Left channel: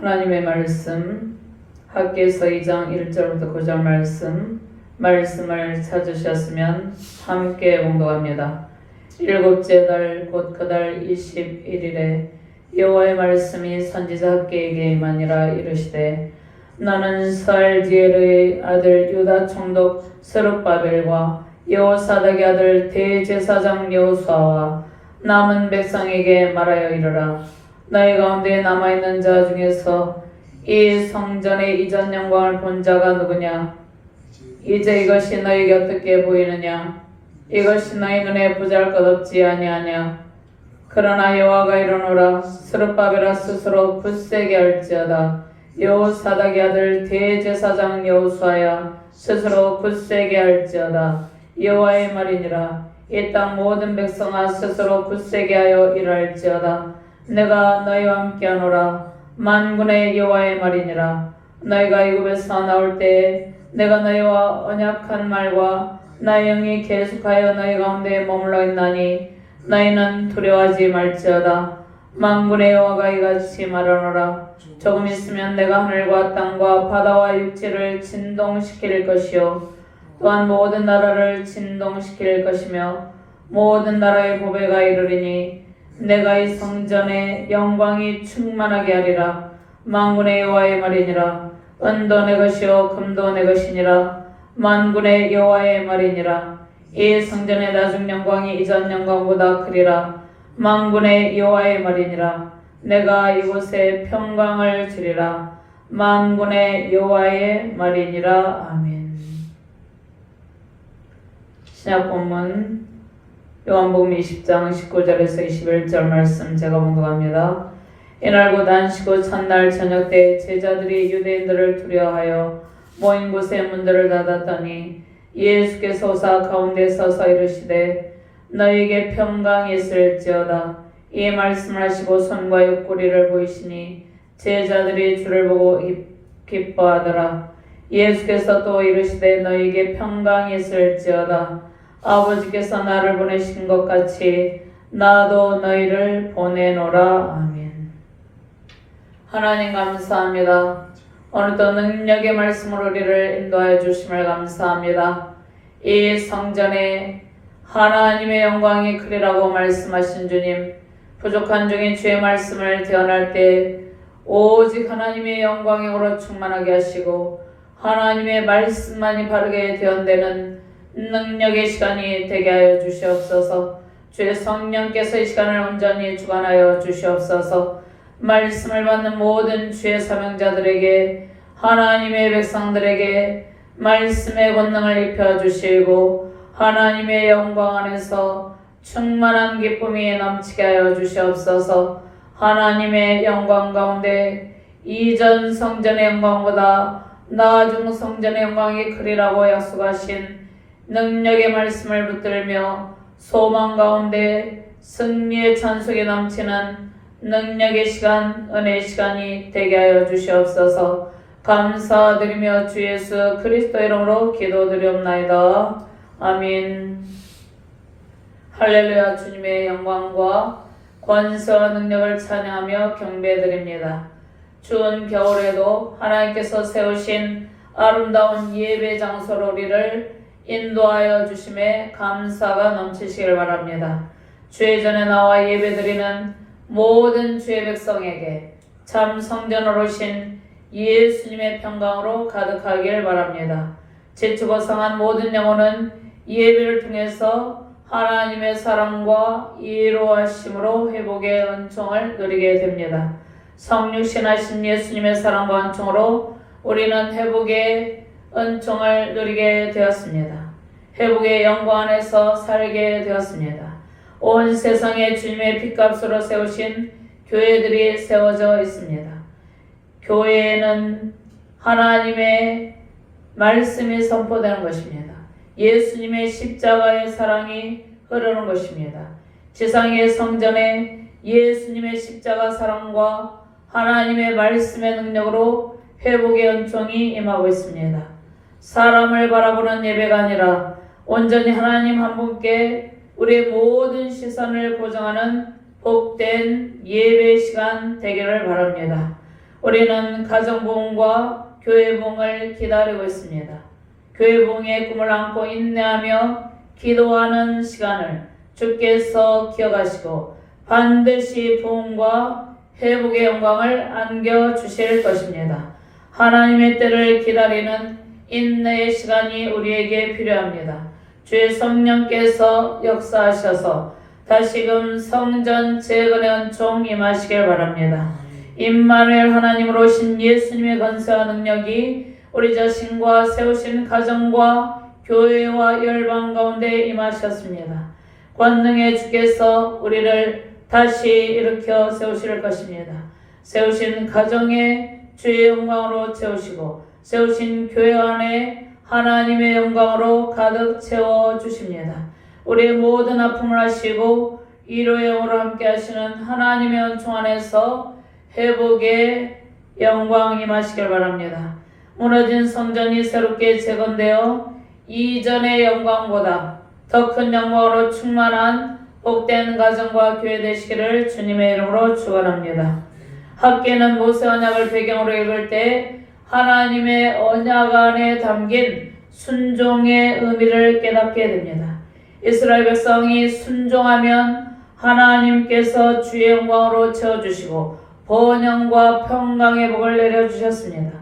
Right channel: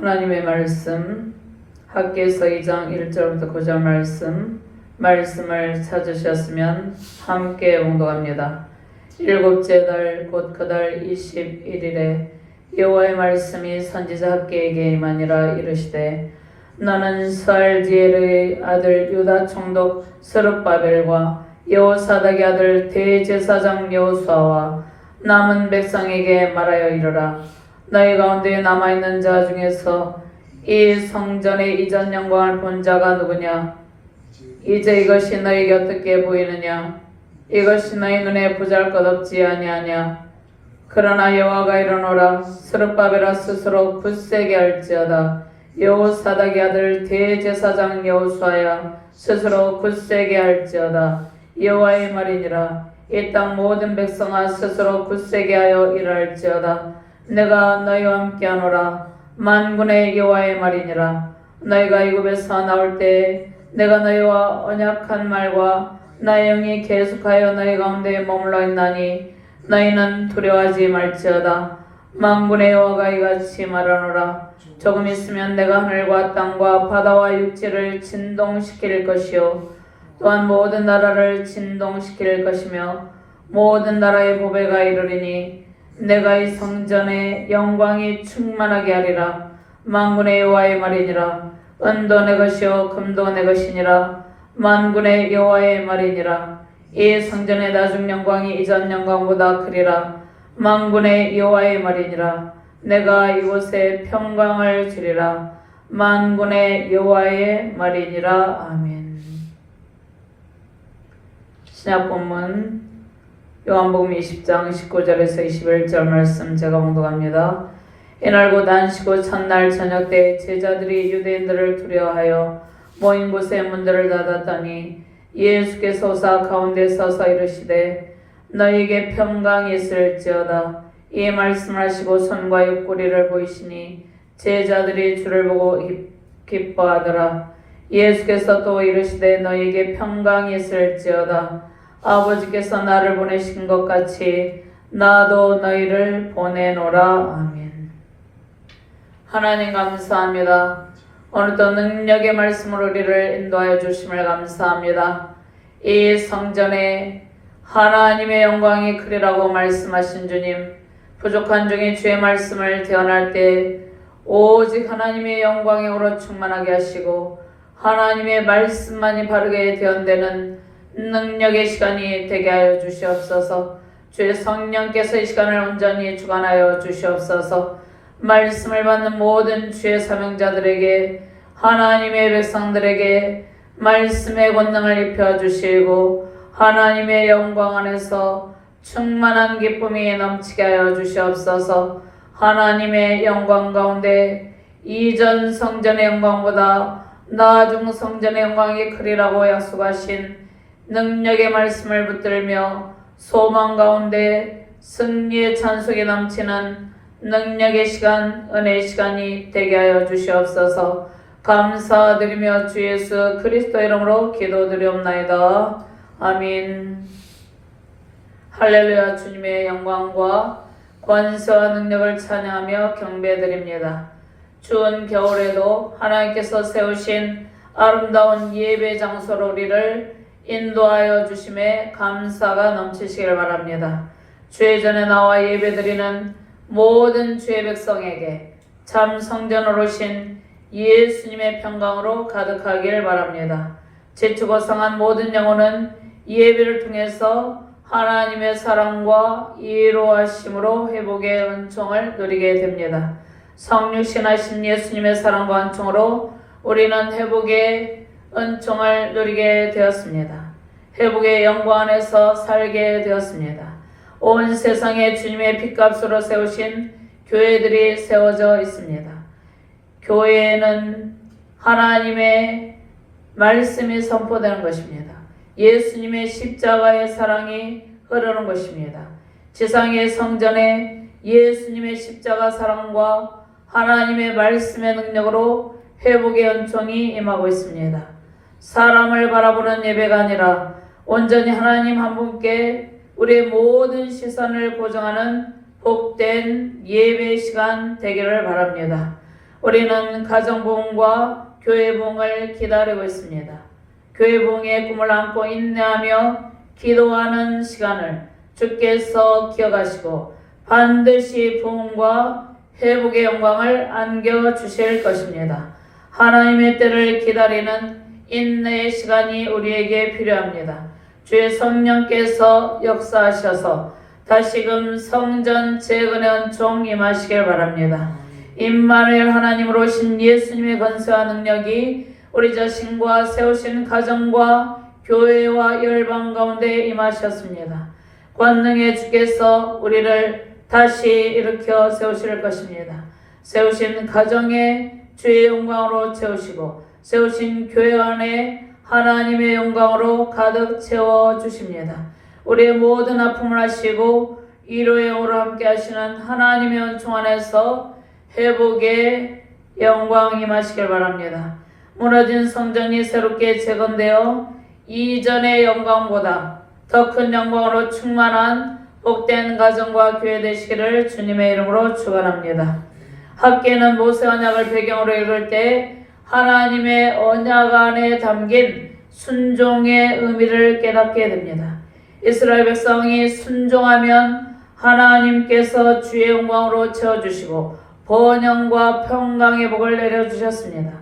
하나님의 말씀 학개서 2장 1절부터 9절 말씀을 찾으셨으면 함께 봉독합니다. 일곱째 달 곧 그 달 21일에 여호와의 말씀이 선지자 학개에게 임하니라. 이르시되 너는 스알디엘의 아들 유다 총독 스룹바벨과 여호사닥의 아들 대제사장 여호수아와 남은 백성에게 말하여 이르라. 너희 가운데 남아있는 자 중에서 이 성전의 이전 영광을 본 자가 누구냐? 이제 이것이 너희에게 어떻게 보이느냐? 이것이 너희 눈에 보잘것없지 아니하냐? 그러나 여호와가 이르노라. 스룹바벨아 스스로 굳세게 할지어다. 여호사닥의 아들 대제사장 여호수아야 스스로 굳세게 할지어다. 여호와의 말이니라. 이 땅 모든 백성아 스스로 굳세게 하여 일할지어다. 내가 너희와 함께하노라. 만군의 여호와의 말이니라. 너희가 애굽에서 나올 때에 내가 너희와 언약한 말과 나의 영이 계속하여 너희 가운데 머물러 있나니 너희는 두려워하지 말지어다. 만군의 여호와가 이같이 말하노라. 조금 있으면 내가 하늘과 땅과 바다와 육지를 진동시킬 것이요 또한 모든 나라를 진동시킬 것이며 모든 나라의 보배가 이르리니 내가 이 성전의 영광이 충만하게 하리라. 만군의 여호와의 말이니라. 은도 내 것이요 금도 내 것이니라. 만군의 여호와의 말이니라. 이 성전의 나중 영광이 이전 영광보다 크리라. 만군의 여호와의 말이니라. 내가 이곳에 평강을 주리라. 만군의 여호와의 말이니라. 아멘. 신약 본문 요한복음 20장 19절에서 21절 말씀 제가 봉독합니다. 이날 곧 안식 후 첫날 저녁 때 제자들이 유대인들을 두려워하여 모인 곳에 문들을 닫았더니 예수께서 오사 가운데 서서 이르시되 너희에게 평강이 있을지어다. 이 말씀을 하시고 손과 옆구리를 보이시니 제자들이 주를 보고 기뻐하더라. 예수께서 또 이르시되 너희에게 평강이 있을지어다. 아버지께서 나를 보내신 것 같이 나도 너희를 보내노라. 아멘. 하나님 감사합니다. 오늘도 능력의 말씀으로 우리를 인도하여 주심을 감사합니다. 이 성전에 하나님의 영광이 크리라고 말씀하신 주님, 부족한 중에 주의 말씀을 대언할 때 오직 하나님의 영광이 오로 충만하게 하시고 하나님의 말씀만이 바르게 대언되는 능력의 시간이 되게 하여 주시옵소서. 주의 성령께서 이 시간을 온전히 주관하여 주시옵소서. 말씀을 받는 모든 주의 사명자들에게, 하나님의 백성들에게 말씀의 권능을 입혀주시고 하나님의 영광 안에서 충만한 기쁨이 넘치게 하여 주시옵소서. 하나님의 영광 가운데 이전 성전의 영광보다 나중 성전의 영광이 크리라고 약속하신 능력의 말씀을 붙들며 소망 가운데 승리의 찬송이 넘치는 능력의 시간, 은혜의 시간이 되게 하여 주시옵소서. 감사드리며 주 예수 그리스도 이름으로 기도드리옵나이다. 아멘. 할렐루야. 주님의 영광과 권세와 능력을 찬양하며 경배드립니다. 추운 겨울에도 하나님께서 세우신 아름다운 예배 장소로 우리를 인도하여 주심에 감사가 넘치시길 바랍니다. 주의 전에 나와 예배드리는 모든 주의 백성에게 참 성전으로 오신 예수님의 평강으로 가득하길 바랍니다. 지추고성한 모든 영혼은 예배를 통해서 하나님의 사랑과 이로하심으로 회복의 은총을 누리게 됩니다. 성육신하신 예수님의 사랑과 은총으로 우리는 회복의 은총을 누리게 되었습니다. 회복의 영광 안에서 살게 되었습니다. 온 세상에 주님의 핏값으로 세우신 교회들이 세워져 있습니다. 교회에는 하나님의 말씀이 선포되는 것입니다. 예수님의 십자가의 사랑이 흐르는 것입니다. 지상의 성전에 예수님의 십자가 사랑과 하나님의 말씀의 능력으로 회복의 은총이 임하고 있습니다. 사람을 바라보는 예배가 아니라 온전히 하나님 한 분께 우리의 모든 시선을 고정하는 복된 예배 시간 되기를 바랍니다. 우리는 가정부흥과 교회부흥을 기다리고 있습니다. 교회부흥의 꿈을 안고 인내하며 기도하는 시간을 주께서 기억하시고 반드시 부흥과 회복의 영광을 안겨주실 것입니다. 하나님의 때를 기다리는 인내의 시간이 우리에게 필요합니다. 주의 성령께서 역사하셔서 다시금 성전 재건의 은총 임하시길 바랍니다. 임마누엘 하나님으로 오신 예수님의 권세와 능력이 우리 자신과 세우신 가정과 교회와 열방 가운데 임하셨습니다. 권능의 주께서 우리를 다시 일으켜 세우실 것입니다. 세우신 가정에 주의 영광으로 채우시고 세우신 교회 안에 하나님의 영광으로 가득 채워주십니다. 우리의 모든 아픔을 하시고 위로의 영으로 함께 하시는 하나님의 은총 안에서 회복의 영광 임하시길 바랍니다. 무너진 성전이 새롭게 재건되어 이전의 영광보다 더 큰 영광으로 충만한 복된 가정과 교회 되시기를 주님의 이름으로 축원합니다. 학계는 모세 언약을 배경으로 읽을 때 하나님의 언약 안에 담긴 순종의 의미를 깨닫게 됩니다. 이스라엘 백성이 순종하면 하나님께서 주의 영광으로 채워주시고 번영과 평강의 복을 내려주셨습니다.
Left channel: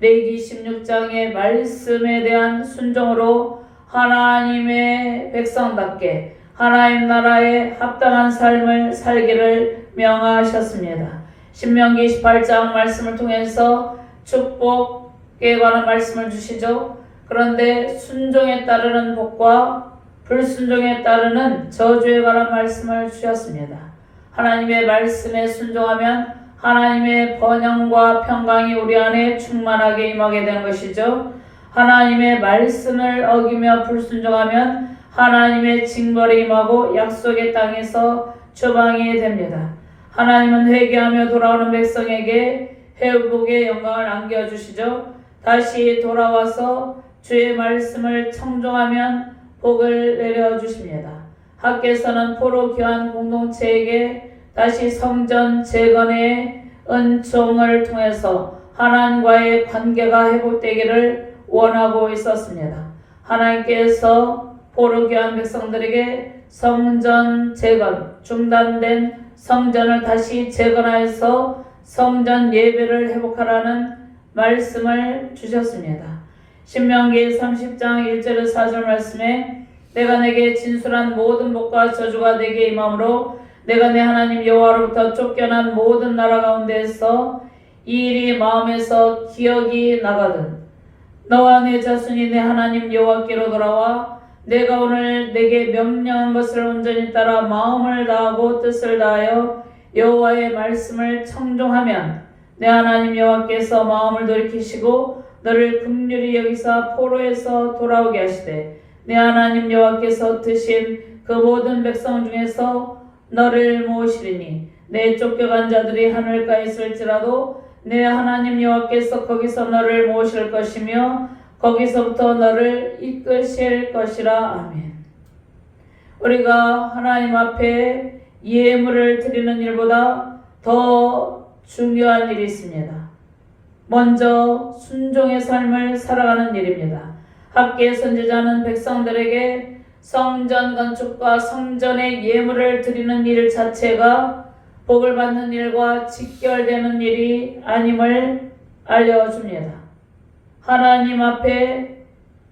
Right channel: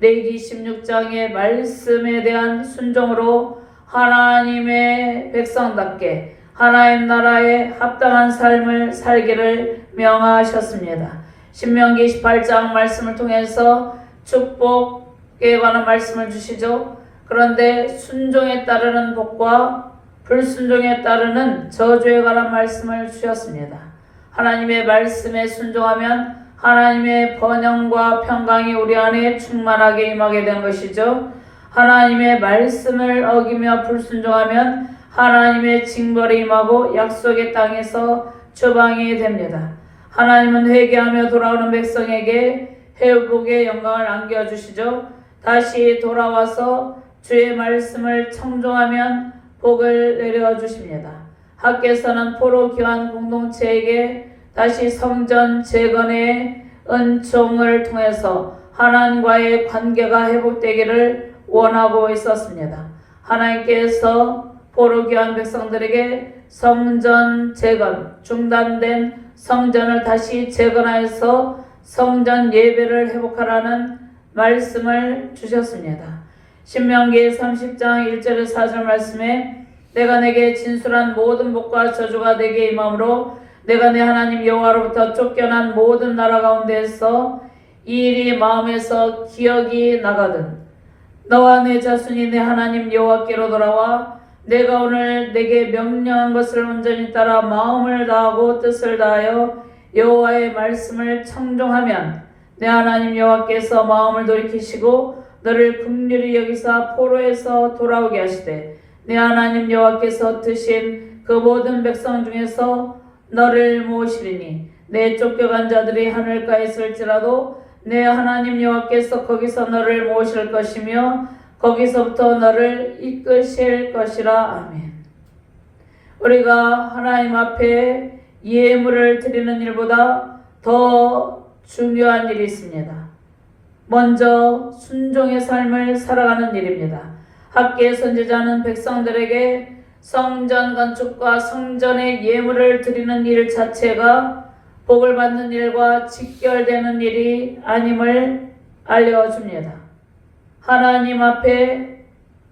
레위기 16장의 말씀에 대한 순종으로 하나님의 백성답게 하나님 나라에 합당한 삶을 살기를 명하셨습니다. 신명기 18장 말씀을 통해서 축복에 관한 말씀을 주시죠. 그런데 순종에 따르는 복과 불순종에 따르는 저주에 관한 말씀을 주셨습니다. 하나님의 말씀에 순종하면 하나님의 번영과 평강이 우리 안에 충만하게 임하게 되는 것이죠. 하나님의 말씀을 어기며 불순종하면 하나님의 징벌이 임하고 약속의 땅에서 추방이 됩니다. 하나님은 회개하며 돌아오는 백성에게 회복의 영광을 안겨주시죠. 다시 돌아와서 주의 말씀을 청종하면 복을 내려주십니다. 학계에서는 포로 교환 공동체에게 다시 성전 재건의 은총을 통해서 하나님과의 관계가 회복되기를 원하고 있었습니다. 하나님께서 포로 교환 백성들에게 성전 재건, 중단된 성전을 다시 재건하여서 성전 예배를 회복하라는 말씀을 주셨습니다. 신명기 30장 1절에서 4절 말씀에 내가 내게 진술한 모든 복과 저주가 내게 임함으로 내가 내 하나님 여호와로부터 쫓겨난 모든 나라 가운데에서 이 일이 마음에서 기억이 나거든 너와 내 자손이 내 하나님 여호와께로 돌아와 내가 오늘 내게 명령한 것을 온전히 따라 마음을 다하고 뜻을 다하여 여호와의 말씀을 청종하면 내 하나님 여호와께서 마음을 돌이키시고 너를 긍휼히 여기사 포로에서 돌아오게 하시되 내 하나님 여호와께서 드신 그 모든 백성 중에서 너를 모으시리니 내 쫓겨간 자들이 하늘가에 있을지라도 내 하나님 여호와께서 거기서 너를 모으실 것이며 거기서부터 너를 이끄실 것이라. 아멘. 우리가 하나님 앞에 예물을 드리는 일보다 더 중요한 일이 있습니다. 먼저 순종의 삶을 살아가는 일입니다. 학계 선지자는 백성들에게 성전 건축과 성전의 예물을 드리는 일 자체가 복을 받는 일과 직결되는 일이 아님을 알려줍니다. 하나님 앞에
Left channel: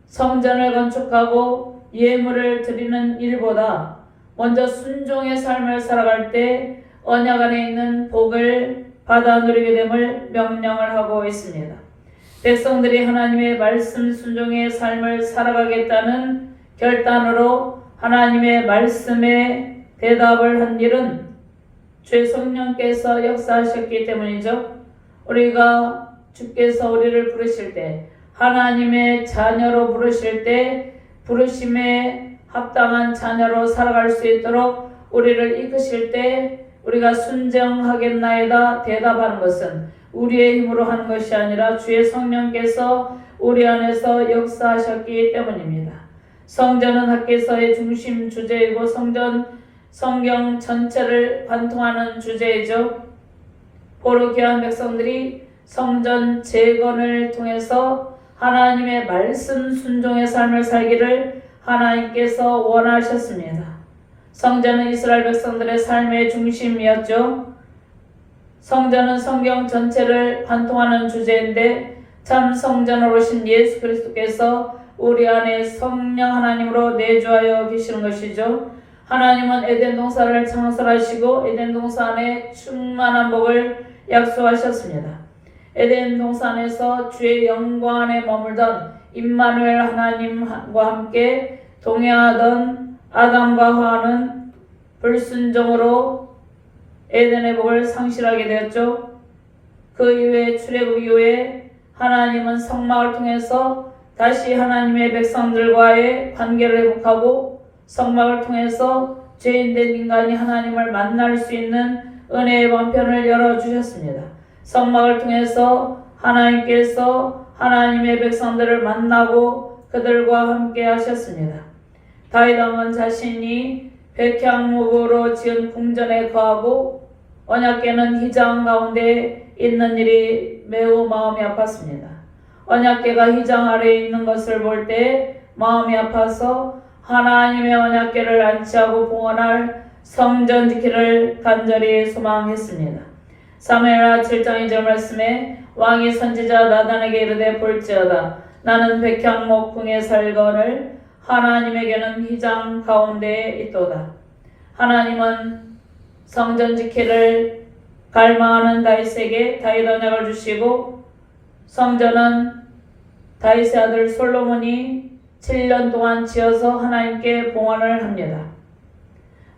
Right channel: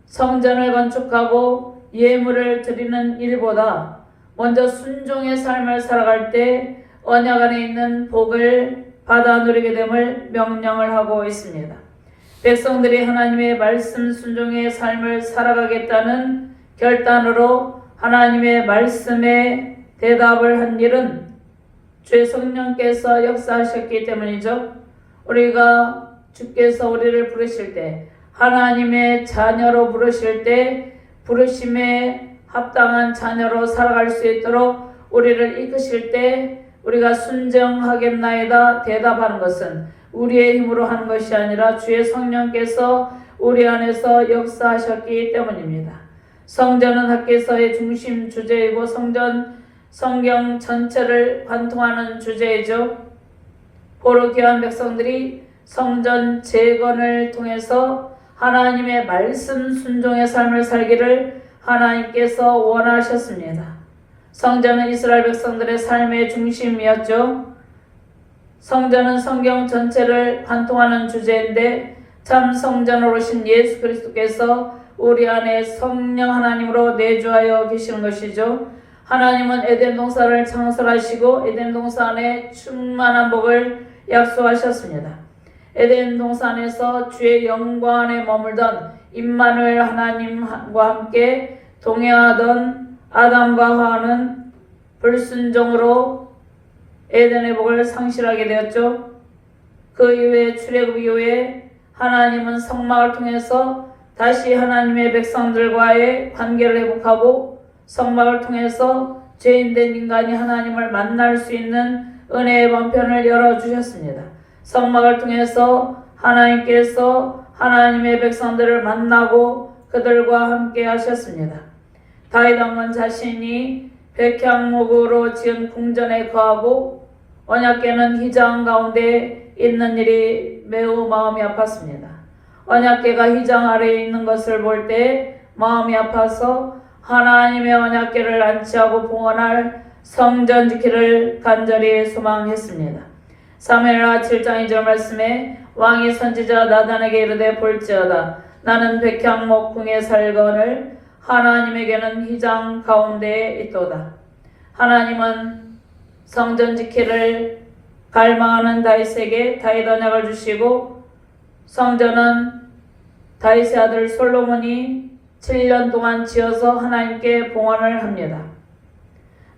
성전을 건축하고 예물을 드리는 일보다 먼저 순종의 삶을 살아갈 때 언약 안에 있는 복을 받아 누리게 됨을 명령을 하고 있습니다. 백성들이 하나님의 말씀 순종의 삶을 살아가겠다는 결단으로 하나님의 말씀에 대답을 한 일은 주의 성령께서 역사하셨기 때문이죠. 우리가 주께서 우리를 부르실 때 하나님의 자녀로 부르실 때 부르심에 합당한 자녀로 살아갈 수 있도록 우리를 이끄실 때 우리가 순종하겠나이다 대답하는 것은 우리의 힘으로 하는 것이 아니라 주의 성령께서 우리 안에서 역사하셨기 때문입니다. 성전은 학계서의 중심 주제이고 성경 전체를 관통하는 주제이죠. 포로 귀한 백성들이 성전 재건을 통해서 하나님의 말씀 순종의 삶을 살기를 하나님께서 원하셨습니다. 성전은 이스라엘 백성들의 삶의 중심이었죠. 성전은 성경 전체를 관통하는 주제인데 참 성전으로 오신 예수 그리스도께서 우리 안에 성령 하나님으로 내주하여 계시는 것이죠. 하나님은 에덴 동산을 창설하시고 에덴 동산 안에 충만한 복을 약속하셨습니다. 에덴 동산에서 주의 영광 안에 머물던 임마누엘 하나님과 함께 동행하던 아담과 하와는 불순종으로 에덴의 복을 상실하게 되었죠. 그 이후에 출애굽 이후에 하나님은 성막을 통해서 다시 하나님의 백성들과의 관계를 회복하고 성막을 통해서 죄인된 인간이 하나님을 만날 수 있는 은혜의 방편을 열어주셨습니다. 성막을 통해서 하나님께서 하나님의 백성들을 만나고 그들과 함께 하셨습니다. 다윗 왕은 자신이 백향목으로 지은 궁전에 거하고 언약궤는 휘장 가운데 있는 일이 매우 마음이 아팠습니다. 언약궤가 휘장 아래에 있는 것을 볼 때 마음이 아파서 하나님의 언약궤를 안치하고 봉헌할 성전 지키를 간절히 소망했습니다. 사무엘하 7장 2절 말씀에 왕이 선지자 나단에게 이르되 볼지어다 나는 백향목 궁에 살거늘 하나님에게는 휘장 가운데에 있도다. 하나님은 성전 지키를 갈망하는 다윗에게 다윗 언약을 주시고 성전은 다윗의 아들 솔로몬이 7년 동안 지어서 하나님께 봉헌을 합니다.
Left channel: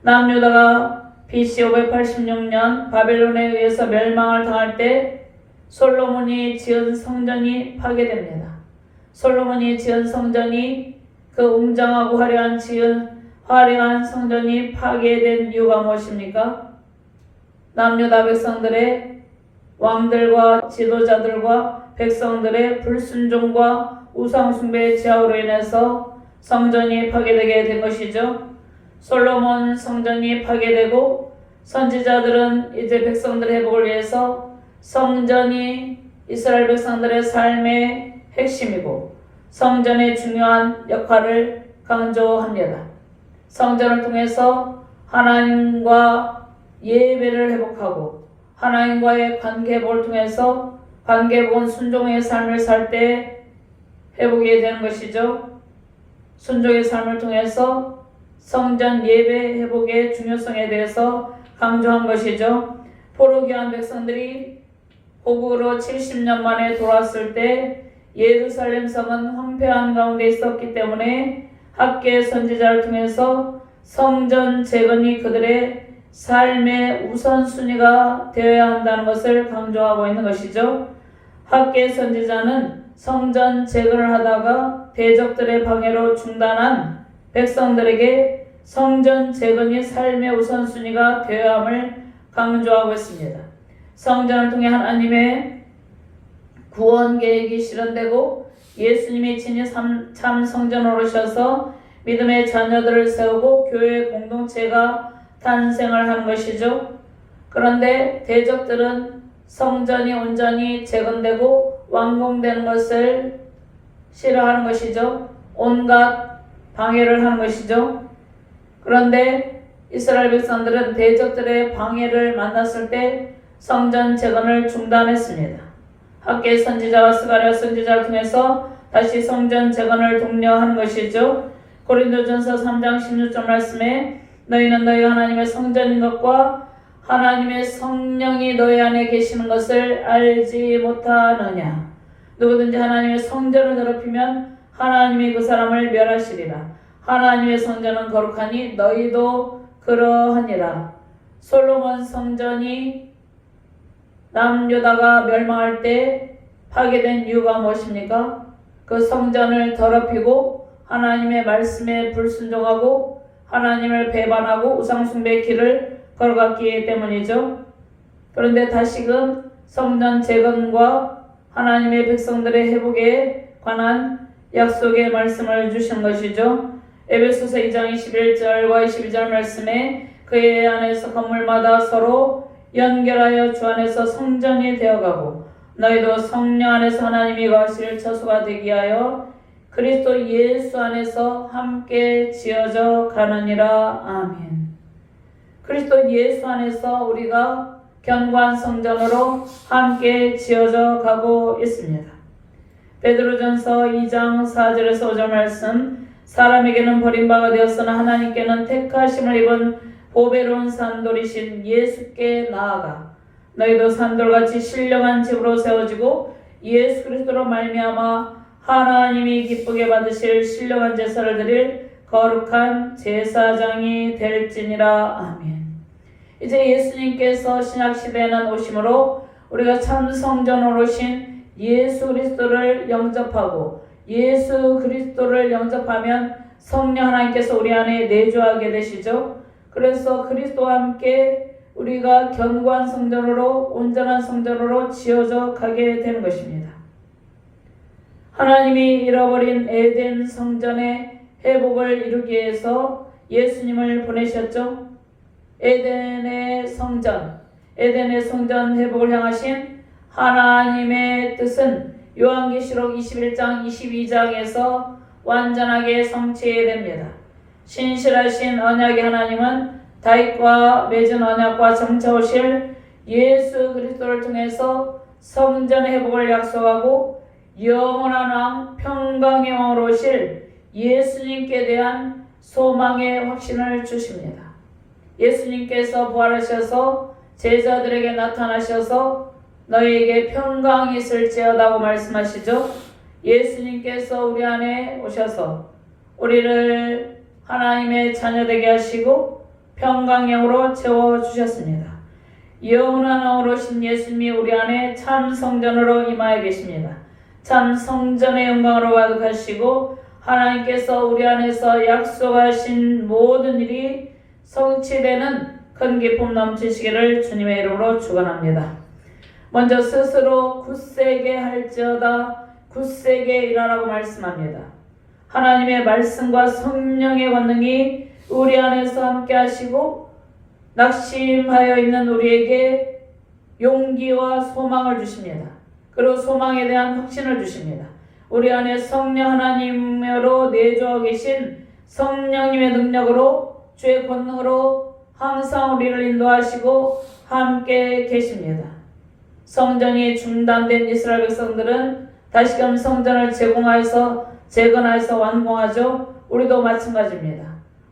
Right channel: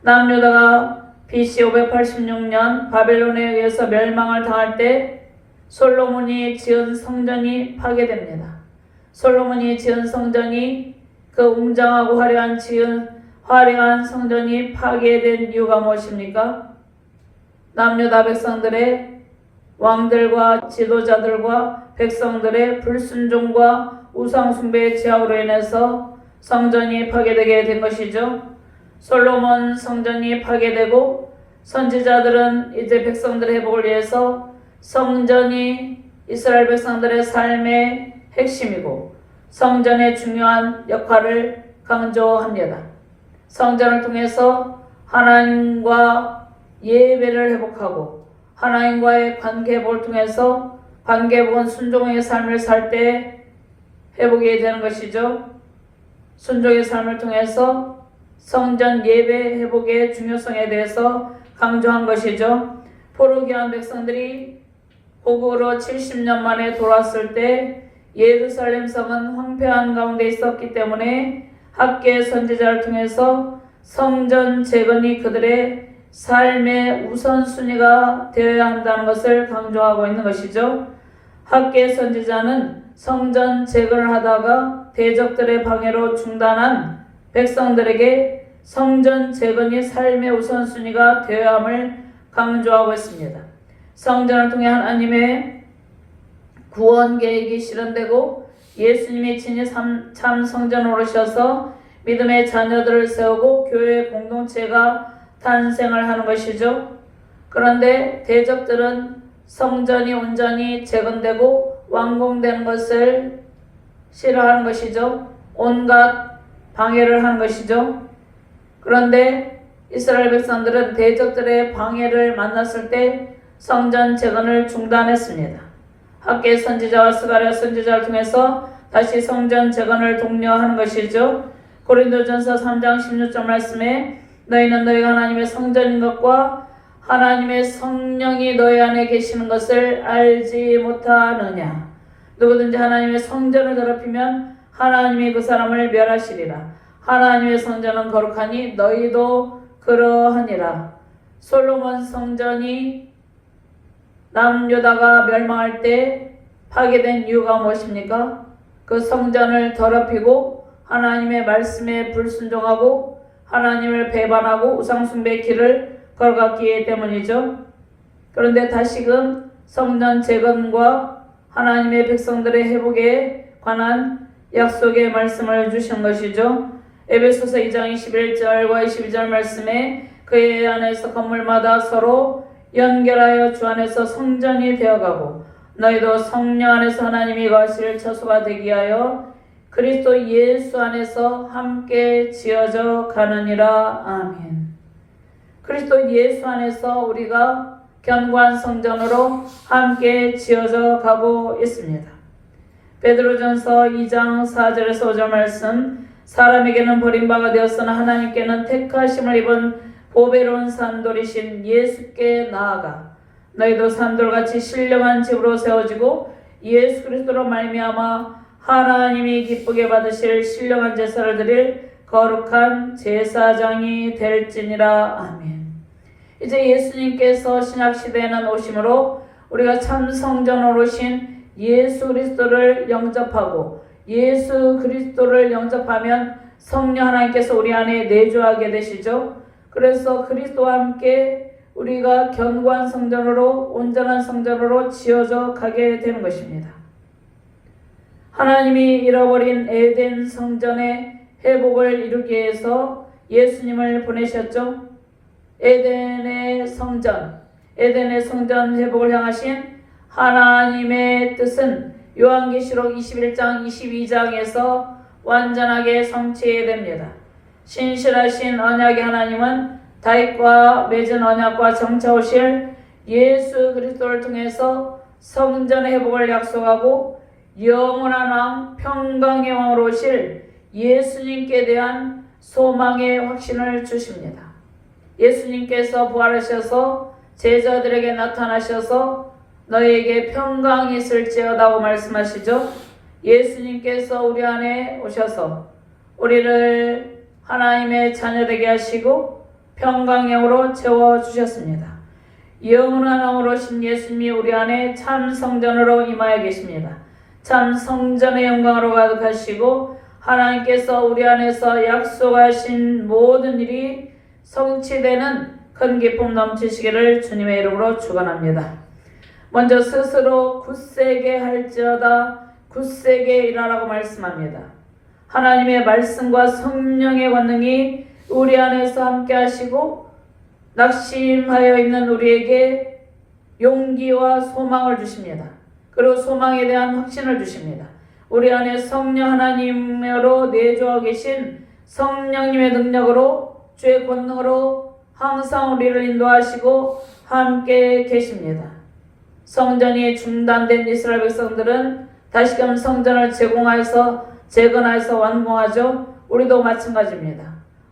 남유다가 BC 586년 바벨론에 의해서 멸망을 당할 때 솔로몬이 지은 성전이 파괴됩니다. 솔로몬이 지은 성전이 그 웅장하고 화려한 성전이 파괴된 이유가 무엇입니까? 남유다 백성들의 왕들과 지도자들과 백성들의 불순종과 우상숭배의 제약으로 인해서 성전이 파괴되게 된 것이죠. 솔로몬 성전이 파괴되고 선지자들은 이제 백성들의 회복을 위해서 성전이 이스라엘 백성들의 삶의 핵심이고 성전의 중요한 역할을 강조합니다. 성전을 통해서 하나님과 예배를 회복하고 하나님과의 관계 회복을 통해서 관계 회복은 순종의 삶을 살 때 회복이 되는 것이죠. 순종의 삶을 통해서 성전 예배 회복의 중요성에 대해서 강조한 것이죠. 포로기한 백성들이 고국으로 70년 만에 돌아왔을 때 예루살렘 성은 황폐한 가운데 있었기 때문에 학계 선지자를 통해서 성전 재건이 그들의 삶의 우선순위가 되어야 한다는 것을 강조하고 있는 것이죠. 학계 선지자는 성전 재건을 하다가 대적들의 방해로 중단한 백성들에게 성전 재건이 삶의 우선순위가 되어야 함을 강조하고 있습니다. 성전을 통해 하나님의 구원 계획이 실현되고 예수님이 친히 참 성전으로 오셔서 믿음의 자녀들을 세우고 교회 공동체가 탄생을 하는 것이죠. 그런데 대적들은 성전이 온전히 재건되고 완공된 것을 싫어하는 것이죠. 온갖 방해를 한 것이죠. 그런데 이스라엘 백성들은 대적들의 방해를 만났을 때 성전 재건을 중단했습니다. 학계 선지자와 스가랴 선지자를 통해서 다시 성전 재건을 독려하는 것이죠. 고린도전서 3장 16절 말씀에 너희는 너희 하나님의 성전인 것과 하나님의 성령이 너희 안에 계시는 것을 알지 못하느냐. 누구든지 하나님의 성전을 더럽히면 하나님이 그 사람을 멸하시리라. 하나님의 성전은 거룩하니 너희도 그러하니라. 솔로몬 성전이 남유다가 멸망할 때 파괴된 이유가 무엇입니까? 그 성전을 더럽히고 하나님의 말씀에 불순종하고 하나님을 배반하고 우상숭배의 길을 걸어갔기 때문이죠. 그런데 다시금 성전 재건과 하나님의 백성들의 회복에 관한 약속의 말씀을 주신 것이죠. 에베소서 2장 21절과 22절 말씀에 그의 안에서 건물마다 서로 연결하여 주 안에서 성전이 되어가고 너희도 성령 안에서 하나님이 거하실 처소가 되기 위하여 그리스도 예수 안에서 함께 지어져 가느니라. 아멘. 그리스도 예수 안에서 우리가 견고한 성전으로 함께 지어져 가고 있습니다. 베드로전서 2장 4절에서 5절 말씀, 사람에게는 버림받아 되었으나 하나님께는 택하심을 입은 보배로운 산돌이신 예수께 나아가 너희도 산돌같이 신령한 집으로 세워지고 예수 그리스도로 말미암아 하나님이 기쁘게 받으실 신령한 제사를 드릴 거룩한 제사장이 될지니라. 아멘. 이제 예수님께서 신약시대에는 오심으로 우리가 참 성전으로 오신 예수 그리스도를 영접하고 예수 그리스도를 영접하면 성령 하나님께서 우리 안에 내주하게 되시죠. 그래서 그리스도와 함께 우리가 견고한 성전으로 온전한 성전으로 지어져 가게 되는 것입니다. 하나님이 잃어버린 에덴 성전의 회복을 이루기 위해서 예수님을 보내셨죠. 에덴의 성전 회복을 향하신 하나님의 뜻은 요한계시록 21장 22장에서 완전하게 성취됩니다. 신실하신 언약의 하나님은 다윗과 맺은 언약과 장차 오실 예수 그리스도를 통해서 성전의 회복을 약속하고 영원한 왕 평강의 왕으로 오실 예수님께 대한 소망의 확신을 주십니다. 예수님께서 부활하셔서 제자들에게 나타나셔서 너희에게 평강이 있을지어다고 말씀하시죠. 예수님께서 우리 안에 오셔서 우리를 하나님의 자녀되게 하시고 평강형으로 채워주셨습니다. 영원한 왕으로 오신 예수님이 우리 안에 참 성전으로 임하여 계십니다. 참 성전의 영광으로 가득하시고 하나님께서 우리 안에서 약속하신 모든 일이 성취되는 큰 기쁨 넘치시기를 주님의 이름으로 축원합니다. 먼저 스스로 굳세게 할지어다 굳세게 일하라고 말씀합니다. 하나님의 말씀과 성령의 권능이 우리 안에서 함께 하시고 낙심하여 있는 우리에게 용기와 소망을 주십니다. 그리고 소망에 대한 확신을 주십니다. 우리 안에 성령 하나님으로 내주어 계신 성령님의 능력으로 주의 권능으로 항상 우리를 인도하시고 함께 계십니다. 성전이 중단된 이스라엘 백성들은 다시금 성전을 재건하여서 완공하죠. 우리도 마찬가지입니다.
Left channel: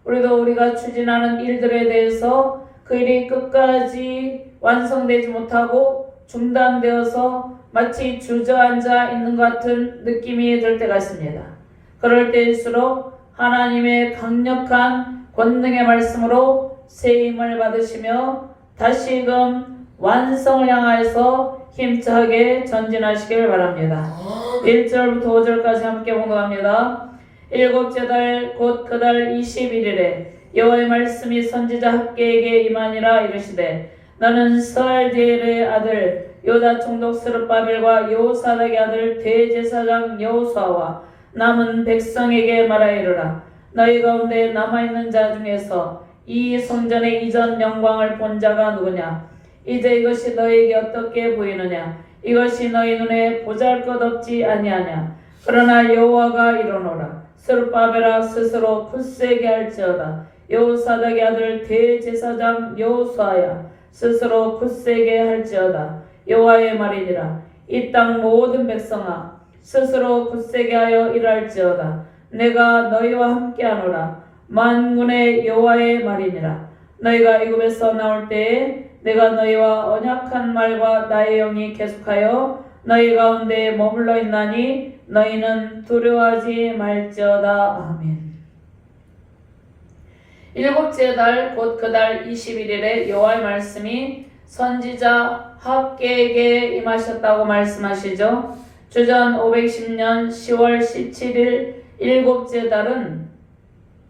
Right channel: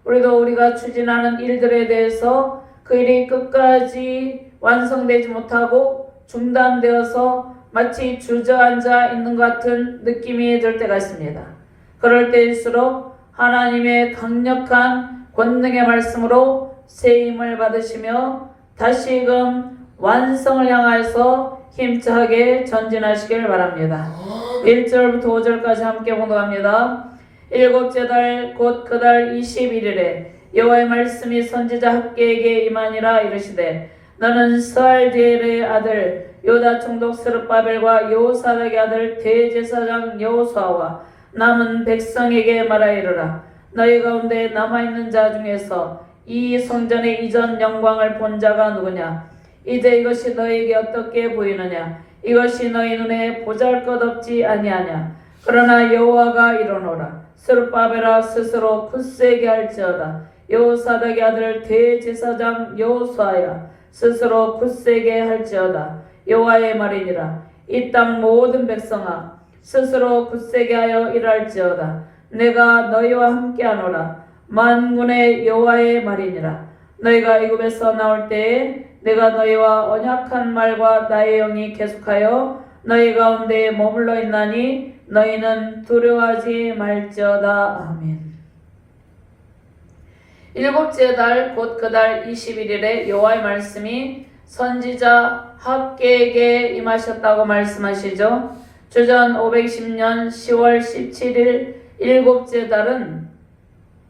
우리도 우리가 추진하는 일들에 대해서 그 일이 끝까지 완성되지 못하고 중단되어서 마치 주저앉아 있는 것 같은 느낌이 들 때가 있습니다. 그럴 때일수록 하나님의 강력한 권능의 말씀으로 세임을 받으시며 다시금 완성을 향하여서 힘차게 전진하시길 바랍니다. 1절부터 5절까지 함께 공독합니다. 일곱째 달 곧 그 달 21일에 여호와의 말씀이 선지자 학개에게 임하니라. 이르시되 너는 스알디엘의 아들 요다 총독 스룹바벨과 여호사닥의 아들 대제사장 여호수아와 남은 백성에게 말하이르라. 너희 가운데 남아있는 자 중에서 이 성전의 이전 영광을 본 자가 누구냐? 이제 이것이 너희에게 어떻게 보이느냐? 이것이 너희 눈에 보잘것없지 아니하냐? 그러나 여호와가 이르노라. 스룹바벨아 스스로 굳세게 할지어다. 여호사닥의 아들 대제사장 여호수아야 스스로 굳세게 할지어다. 여호와의 말이니라. 이 땅 모든 백성아 스스로 굳세게 하여 일할지어다. 내가 너희와 함께하노라. 만군의 여호와의 말이니라. 너희가 애굽에서 나올 때에 내가 너희와 언약한 말과 나의 영이 계속하여 너희 가운데 머물러 있나니 너희는 두려워하지 말지어다. 아멘. 일곱째 달 곧 그 달 21일에 여호와의 말씀이 선지자 학개에게 임하셨다고 말씀하시죠. 주전 510년 10월 17일 일곱째 달은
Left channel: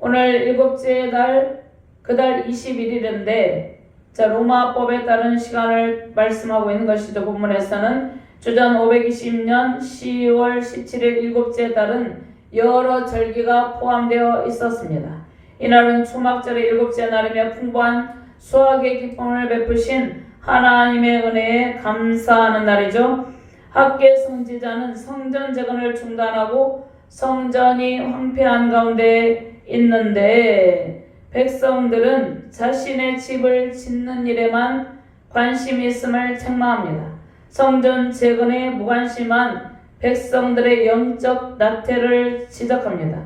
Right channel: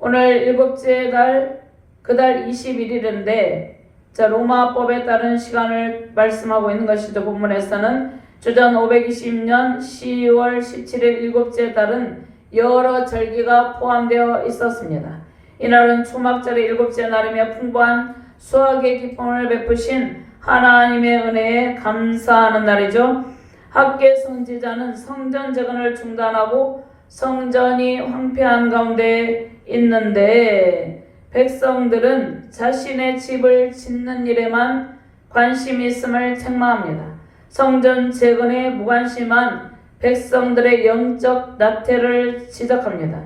오늘 일곱째 달 그 달 21일인데 로마법에 따른 시간을 말씀하고 있는 것이죠. 본문에서는 주전 520년 10월 17일 일곱째 달은 여러 절기가 포함되어 있었습니다. 이날은 초막절의 일곱째 날이며 풍부한 수확의 기쁨을 베푸신 하나님의 은혜에 감사하는 날이죠. 학계 선지자는 성전 재건을 중단하고 성전이 황폐한 가운데 있는데 백성들은 자신의 집을 짓는 일에만 관심이 있음을 책망합니다. 성전 재건에 무관심한 백성들의 영적 나태를 지적합니다.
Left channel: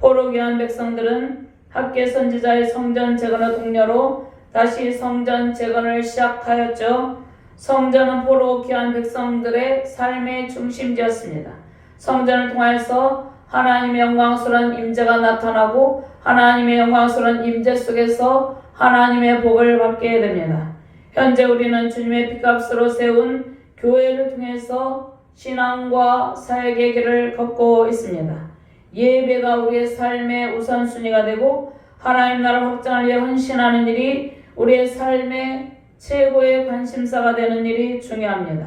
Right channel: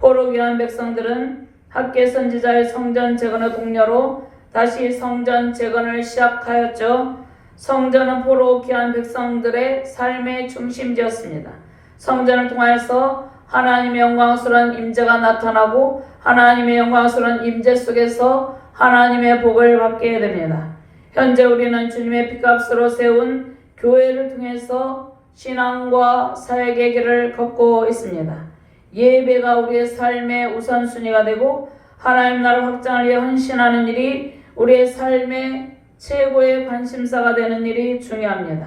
포로기한 백성들은 학계 선지자의 성전 재건의 공로로 다시 성전 재건을 시작하였죠. 성전은 포로 귀한 백성들의 삶의 중심지였습니다. 성전을 통하여서 하나님의 영광스러운 임재가 나타나고 하나님의 영광스러운 임재 속에서 하나님의 복을 받게 됩니다. 현재 우리는 주님의 피값으로 세운 교회를 통해서 신앙과 사역의 길을 걷고 있습니다. 예배가 우리의 삶의 우선순위가 되고 하나님 나라 확장을 위해 헌신하는 일이 우리의 삶의 최고의 관심사가 되는 일이 중요합니다.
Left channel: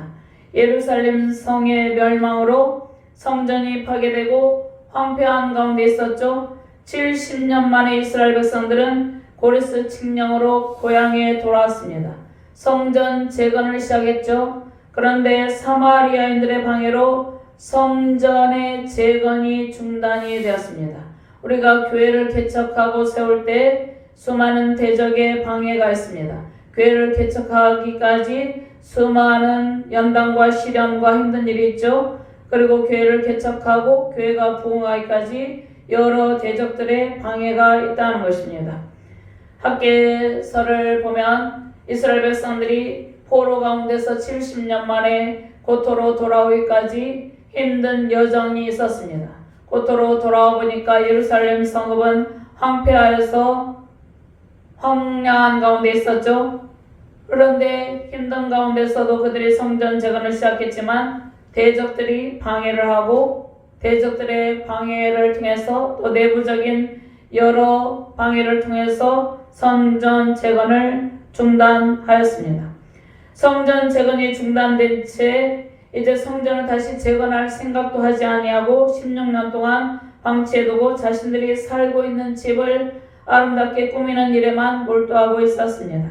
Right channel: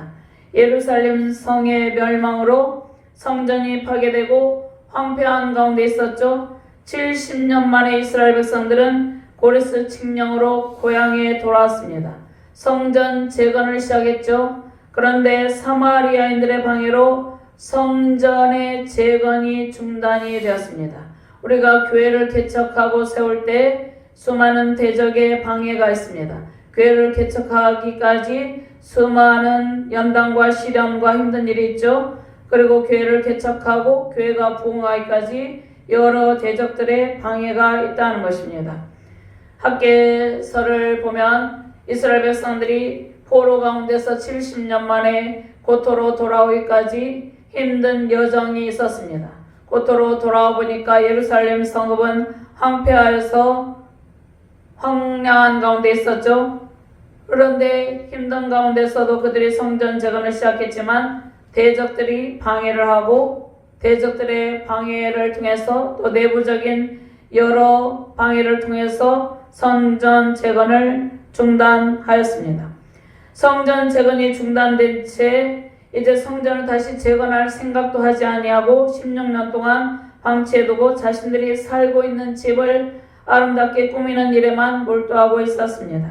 예루살렘 성의 멸망으로 성전이 파괴되고 황폐한 가운데 있었죠. 70년 만에 이스라엘 백성들은 고레스 칙령으로 고향에 돌아왔습니다. 성전 재건을 시작했죠. 그런데 사마리아인들의 방해로 성전의 재건이 중단이 되었습니다. 우리가 교회를 개척하고 세울 때 수많은 대적의 방해가 있습니다. 교회를 개척하기까지 수많은 연단과 시련과 힘든 일이 있죠. 그리고 교회를 개척하고 교회가 부흥하기까지 여러 대적들의 방해가 있다는 것입니다. 학계서를 보면 이스라엘 백성들이 포로 가운데서 70년 만에 고토로 돌아오기까지 힘든 여정이 있었습니다. 고토로 돌아와 보니까 예루살렘 성읍은 황폐하여서 황량한 가운데 있었죠. 그런데 힘든 가운데서도 그들이 성전 재건을 시작했지만 대적들이 방해를 하고 대적들의 방해를 통해서 또 내부적인 여러 방해를 통해서 성전 재건을 중단하였습니다. 성전 재건이 중단된 채 이제 성전을 다시 재건할 생각도 하지 아니하고 16년 동안 방치해두고 자신들이 살고 있는 집을 아름답게 꾸미는 일에만 몰두하고 있었습니다.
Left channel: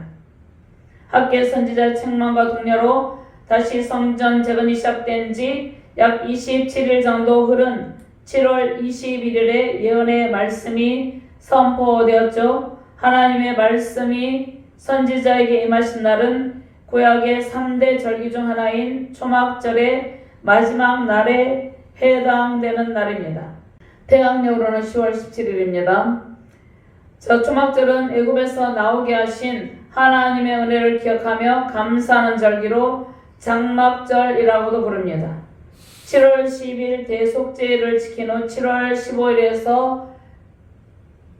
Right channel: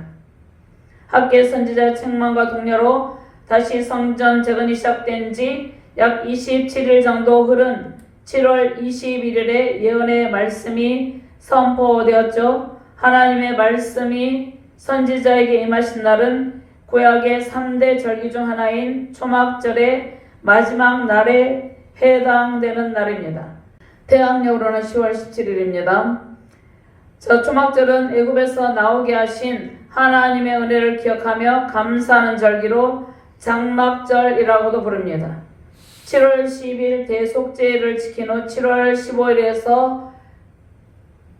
학계 선지자의 책망과 동료로 다시 성전 재건이 시작된 지 약 27일 정도 흐른 7월 21일에 예언의 말씀이 선포되었죠. 하나님의 말씀이 선지자에게 임하신 날은 구약의 3대 절기 중 하나인 초막절의 마지막 날에 해당되는 날입니다. 대학력으로는 10월 17일입니다. 초막절은 애굽에서 나오게 하신 하나님의 은혜를 기억하며 감사하는 절기로 장막절이라고도 부릅니다. 7월 10일 대속죄를 지킨 후 7월 15일에서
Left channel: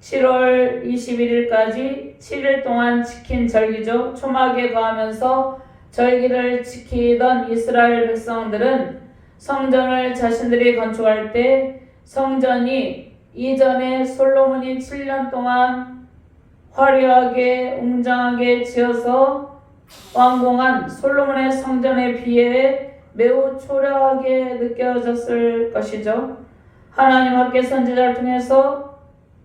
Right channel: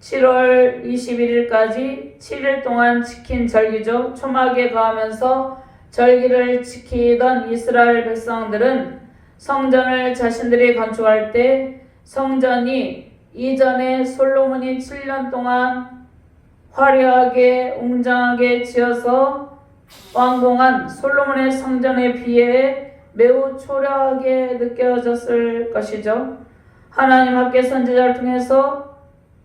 7월 21일까지 7일 동안 지킨 절기죠. 초막에 가하면서 절기를 지키던 이스라엘 백성들은 성전을 자신들이 건축할 때 성전이 이전에 솔로몬이 7년 동안 화려하게 웅장하게 지어서 완공한 솔로몬의 성전에 비해 매우 초라하게 느껴졌을 것이죠. 하나님 학계 선지자를 통해서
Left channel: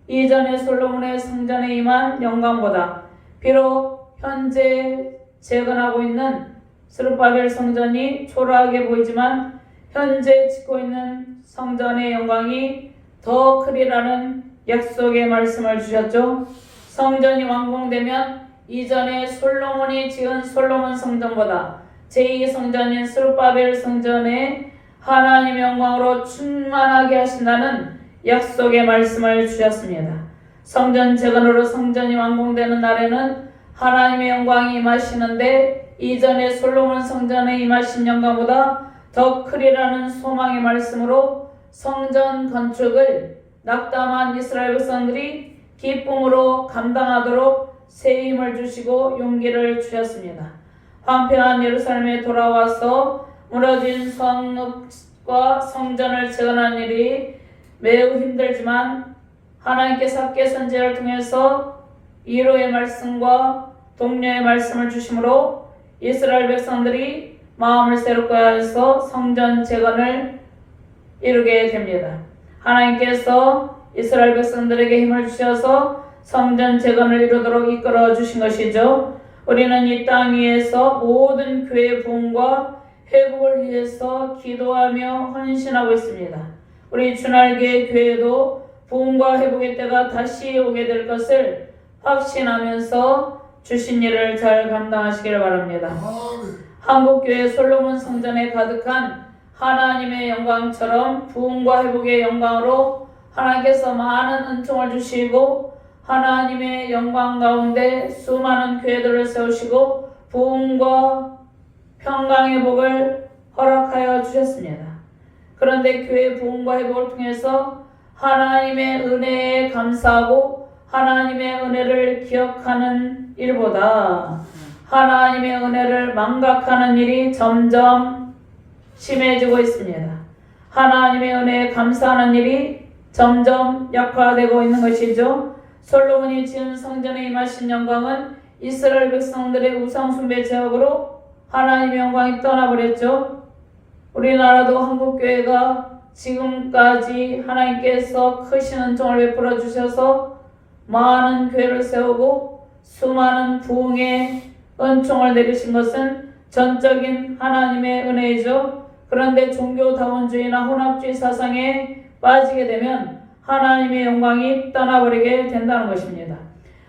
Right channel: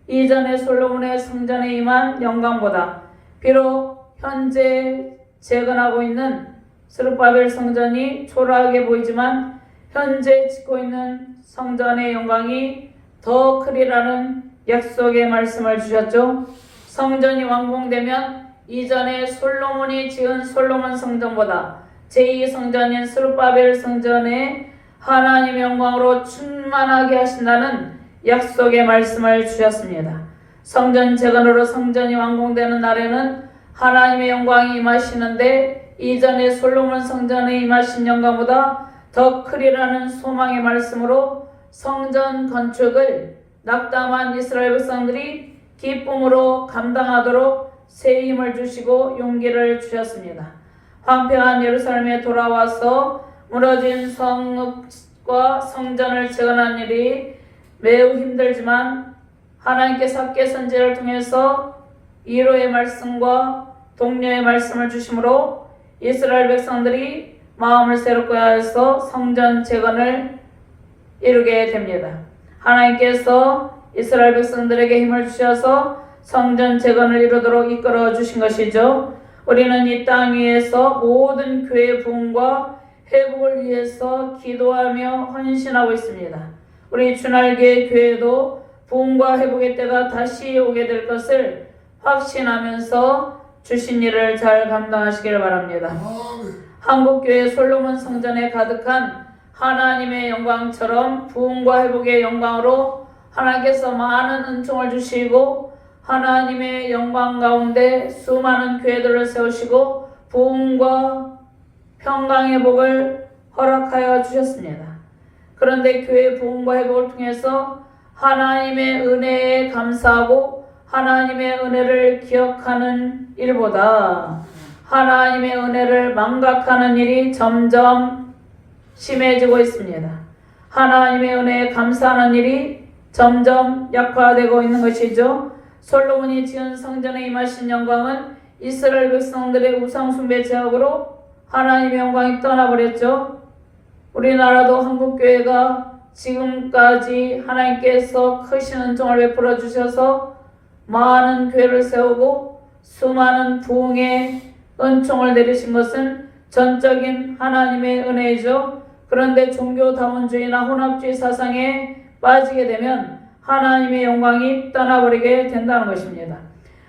이전에 솔로몬의 성전에 임한 영광보다 비록 현재 재건하고 있는 스룹바벨 성전이 초라하게 보이지만 현재 짓고 있는 성전의 영광이 더 크리라는 약속의 말씀을 주셨죠. 성전이 완공되면 이전에 솔로몬이 지은 솔로몬 성전보다 제2성전인 스룹바벨 성전에 하나님의 영광으로 충만하게 하신다는 약속의 말씀을 주셨습니다. 성전 재건으로 성전이 완공되는 날에는 하나님의 영광이 임하시는데 이전에 솔로몬 성전에 임하신 영광보다 더 크리라는 소망의 말씀으로 성전 건축을 낙담한 이스라엘 백성들이 기쁨으로 감당하도록 새 힘을 주시고 용기를 주셨습니다. 황폐한 예루살렘에 돌아와서 무너진 성읍과 성전을 재건한 일이 매우 힘들지만 하나님께서 학계 선지자를 통해서 위로의 말씀과 독려의 말씀을 주심으로 이스라엘 백성들이 마음을 새롭게 하여서 성전 재건을 이루게 됩니다. 하나님께서 이스라엘 백성들에게 힘을 주셔서 성전 재건을 이루도록 이끌어 주신 것이죠. 우리는 이 땅 위에서 모든 교회의 부흥과 회복을 위해서 기도하며 헌신하고 있습니다. 우리 주날개 교회도 부흥과 회복의 때가 다시 오게 될 것을 확신하면서 주신 일을 잘 감당하시길 바랍니다. 한국교회 솔로몬 성전에 가득한 하나님의 영광처럼 부흥과 회복의 영광으로 하나님께서 많은 은총을 주시고 하나님의 영광 가운데 수많은 교회들을 세우시고 부흥과 평강의 복을 허락하여 주셨습니다. 그런데 교회 부흥과 회복을 통해서 하나님의 은혜에 감사하고 하나님의 은혜를 기억하는 일보다 하나님의 은혜를 망각하는 일이 점점 심해지고 있습니다. 하나님의 은혜에 감사하는 일이 점점 약화되고 있는 것이죠. 솔로몬이 지은 성전에 임하신 영광은 이스라엘 백성들의 우상숭배 제약으로 하나님의 영광이 떠나버렸죠. 우리나라도 한국교회가 지금까지 하나님께서 크신 은총을 베풀어 주셔서 많은 교회를 세우고 수많은 부흥의 은총을 내리신 것은 전적인 하나님의 은혜이죠. 그런데 종교다원주의나 혼합주의 사상에 빠지게 되면 하나님의 영광이 떠나버리게 된다는 것입니다.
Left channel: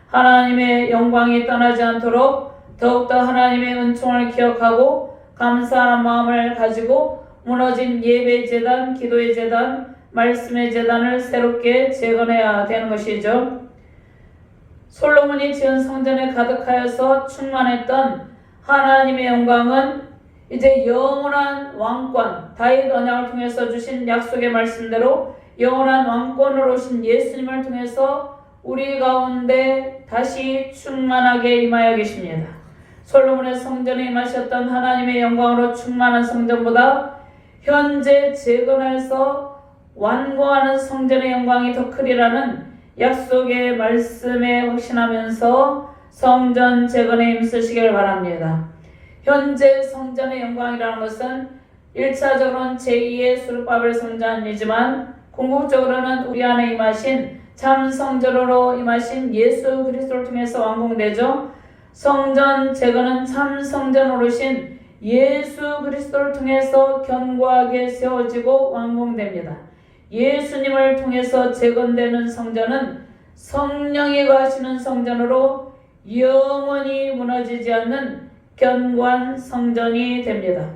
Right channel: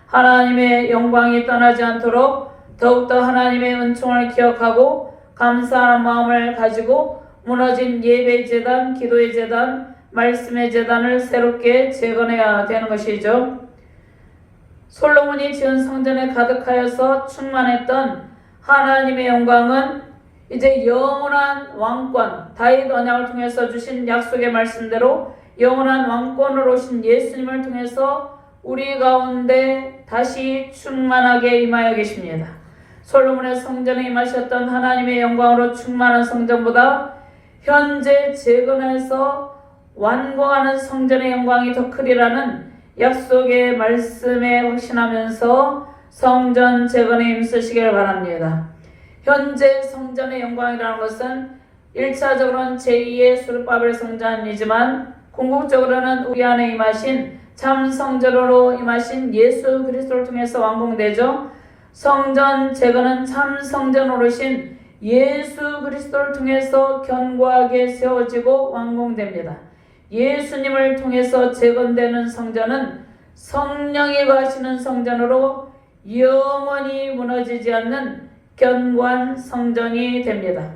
하나님의 영광이 떠나지 않도록 더욱더 하나님의 은총을 기억하고 감사하는 마음을 가지고 무너진 예배의 제단, 기도의 제단, 말씀의 제단을 새롭게 재건해야 되는 것이죠. 솔로몬이 지은 성전에 가득하여서 충만했던 하나님의 영광은 이제 영원한 왕권, 다윗 언약을 통해서 주신 약속의 말씀대로 영원한 왕권으로 오신 예수님을 통해서 우리 가운데 다시 충만하게 임하여 계십니다. 솔로몬의 성전에 임하셨던 하나님의 영광으로 충만한 성전보다 현재 재건해서 완고하는 성전의 영광이 더 크리라는 약속의 말씀에 확신하면서 성전 재건에 힘쓰시길 바랍니다. 현재 성전의 영광이라는 것은 1차적으로는 제2의 수르바벨 성전이지만 궁극적으로는 우리 안에 임하신 참 성전으로 임하신 예수 그리스도를 통해서 완공되죠. 성전 재건은 참 성전으로 오신 예수 그리스도를 통해서 견고하게 세워지고 완공됩니다. 예수님을 통해서 재건되는 성전은 성령이 거하시는 성전으로 영원히 무너지지 않는 견고한 성전이 됩니다.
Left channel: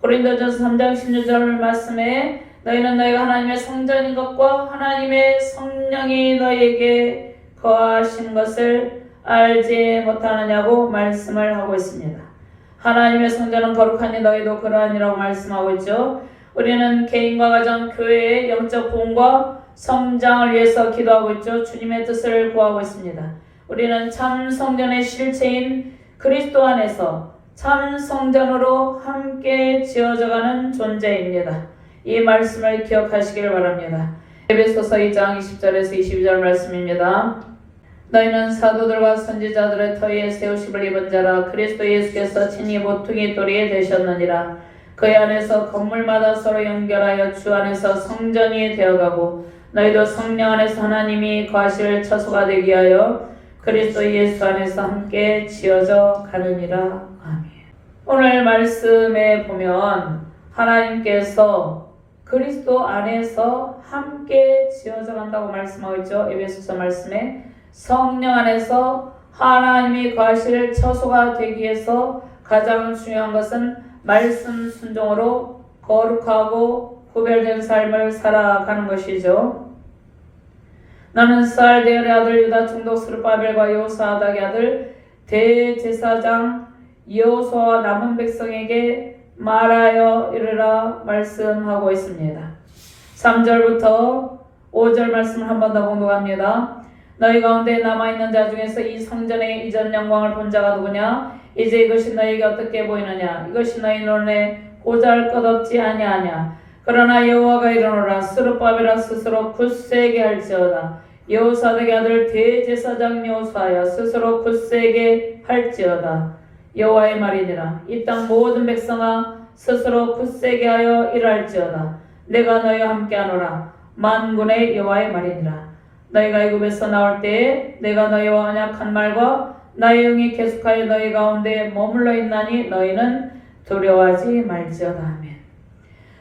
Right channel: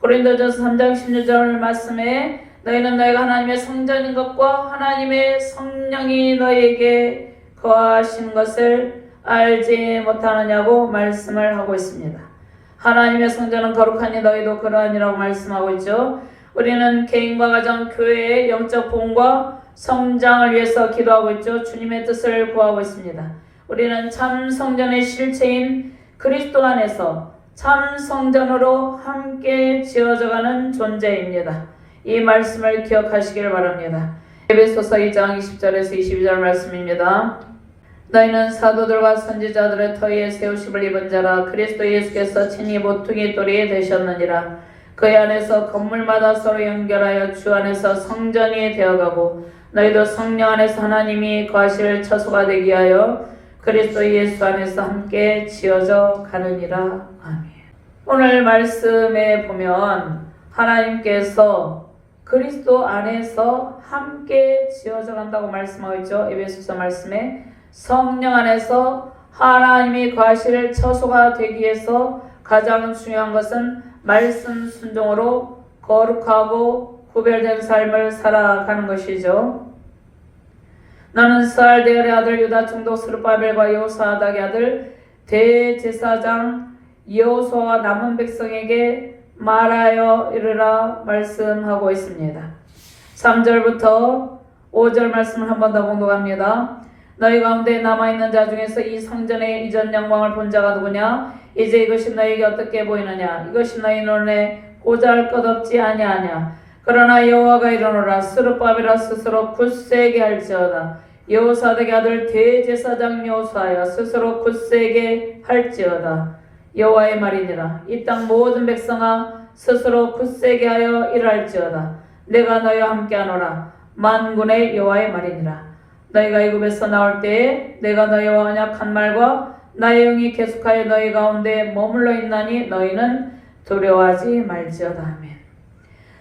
고린도전서 3장 16절 말씀에 너희는 너희가 하나님의 성전인 것과 하나님의 성령이 너희에게 거하시는 것을 알지 못하느냐고 말씀을 하고 있습니다. 하나님의 성전은 거룩하니 너희도 그러하니라고 말씀하고 있죠. 우리는 개인과 가정, 교회의 영적 부흥과 성장을 위해서 기도하고 있죠. 주님의 뜻을 구하고 있습니다. 우리는 참 성전의 실체인 그리스도 안에서 참 성전으로 함께 지어져가는 존재입니다. 이 말씀을 기억하시길 바랍니다. 에베소서 2장 20절에서 22절 말씀입니다. 너희는 사도들과 선지자들의 터위에 세우심을 입은 자라 그리스도 예수께서 친히 모퉁이 돌이 되셨느니라. 그의 안에서 건물마다 서로 연결하여 주 안에서 성전이 되어가고 너희도 성령 안에서 하나님이 거하실 처소가 되게 하여 그리스도 예수 안에서 함께 지어져 가느니라. 아멘. 오늘 말씀에 보면 하나님께서 그리스도 안에서 함께 지어져 간다고 말씀하고 있죠. 에베소서 말씀에 성령 안에서 하나님이 거하실 처소가 되기 위해서 가장 중요한 것은 말씀 순종으로 거룩하고 구별된 삶을 살아가는 것이죠. 나는 스알데엘의 아들 유다 총독 스룹바벨과 여호사닥의 아들 대제사장 여호수아와 남은 백성에게 말하여 이르라 말씀하고 있습니다. 3절부터 5절 말씀을 한 번 더 공독합니다. 너희 가운데 남아있는 자 중에서 이 성전의 이전 영광을 본 자가 누구냐? 이제 이것이 너희에게 어떻게 보이느냐? 이것이 너희 눈에 보잘 것 없지 아니하냐? 그러나 여호와가 이르노라 스룹바벨아 스스로 굳세게 할지어다. 여호사닥의 아들 대제사장 여호수아야 스스로 굳세게 할지어다. 여호와의 말이니라. 이 땅 모든 백성아 스스로 굳세게 하여 일할지어다. 내가 너희와 함께하노라. 만군의 여호와의 말이니라. 너희가 애굽에서 나올 때에 내가 너희와 언약한 말과 나의 영이 계속하여 너희 가운데 머물러 있나니 너희는 두려워하지 말지어다. 아멘.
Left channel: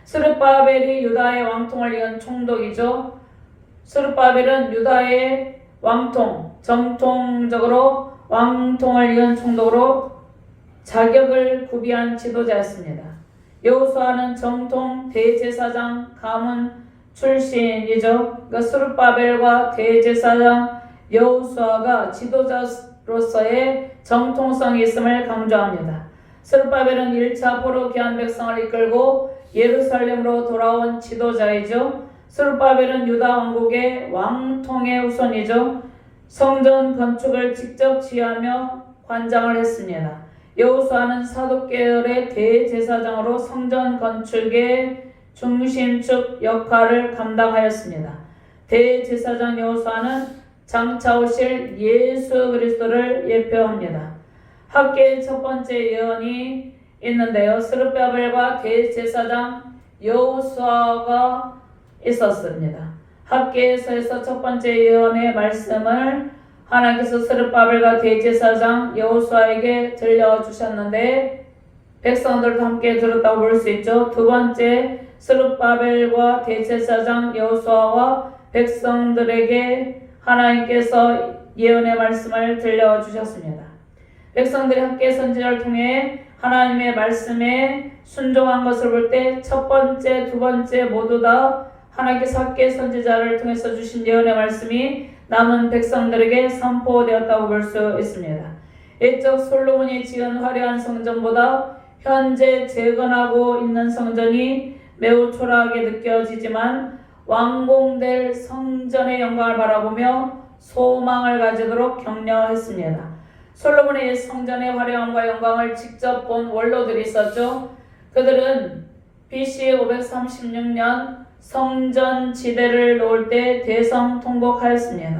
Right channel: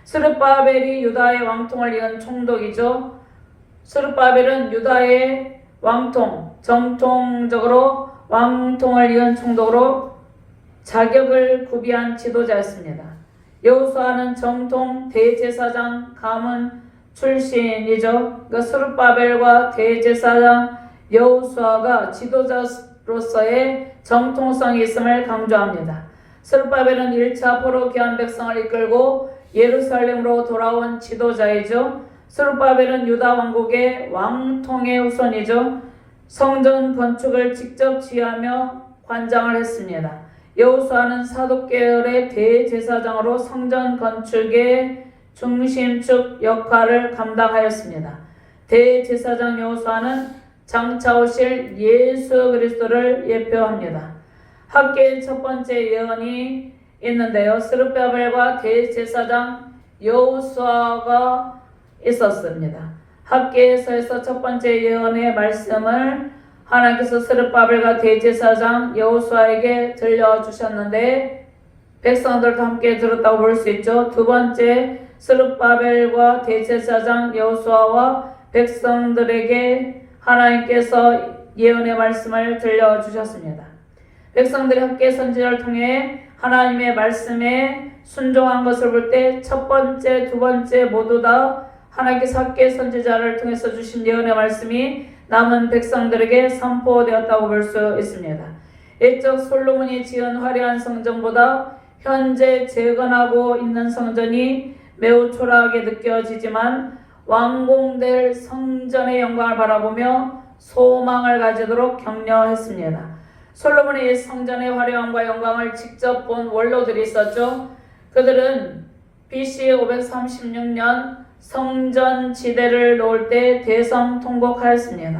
스룹바벨이 유다의 왕통을 이은 총독이죠. 스룹바벨은 유다의 왕통, 정통적으로 왕통을 이은 총독으로 자격을 구비한 지도자였습니다. 여호수아는 정통 대제사장 가문 출신이죠. 그 스룹바벨과 대제사장 여호수아가 지도자로서의 정통성이 있음을 강조합니다. 스룹바벨은 1차 포로 귀한 백성을 이끌고 예루살렘으로 돌아온 지도자이죠. 스룹바벨은 유다 왕국의 왕통의 후손이죠. 성전 건축을 직접 지휘하며 관장을 했습니다. 여호수아는 사독계열의 대제사장으로 성전 건축의 중심축 역할을 감당하였습니다. 대제사장 여호수아는 장차 오실 예수 그리스도를 예표합니다. 학계의 첫 번째 예언이 있는데요. 스룹바벨과 대제사장 여호수아가 있었습니다. 학계에서에서 첫 번째 예언의 말씀을 하나님께서 스룹바벨과 대제사장 여호수아에게 들려주셨는데 백성들도 함께 들었다고 볼 수 있죠. 두 번째 스룹바벨과 대제사장 여호수아와 백성들에게 하나님께서 예언의 말씀을 들려주셨습니다. 백성들이 학계 선지자를 통해 하나님의 말씀에 순종한 것을 볼 때 첫 번째, 두 번째 모두 다 하나님께서 학계 선지자를 통해서 주신 예언의 말씀이 남은 백성들에게 선포되었다고 볼 수 있습니다. 옛적 솔로몬이 지은 화려한 성전보다 현재 재건하고 있는 성전이 매우 초라하게 느껴지지만 완공될 성전의 영광을 바라보며 소망을 가지도록 격려했습니다. 솔로몬의 성전의 화려함과 영광을 직접 본 원로들이 있었죠. 그들은 BC 536년 성전 지대를 놓을 때 대성통곡하였습니다.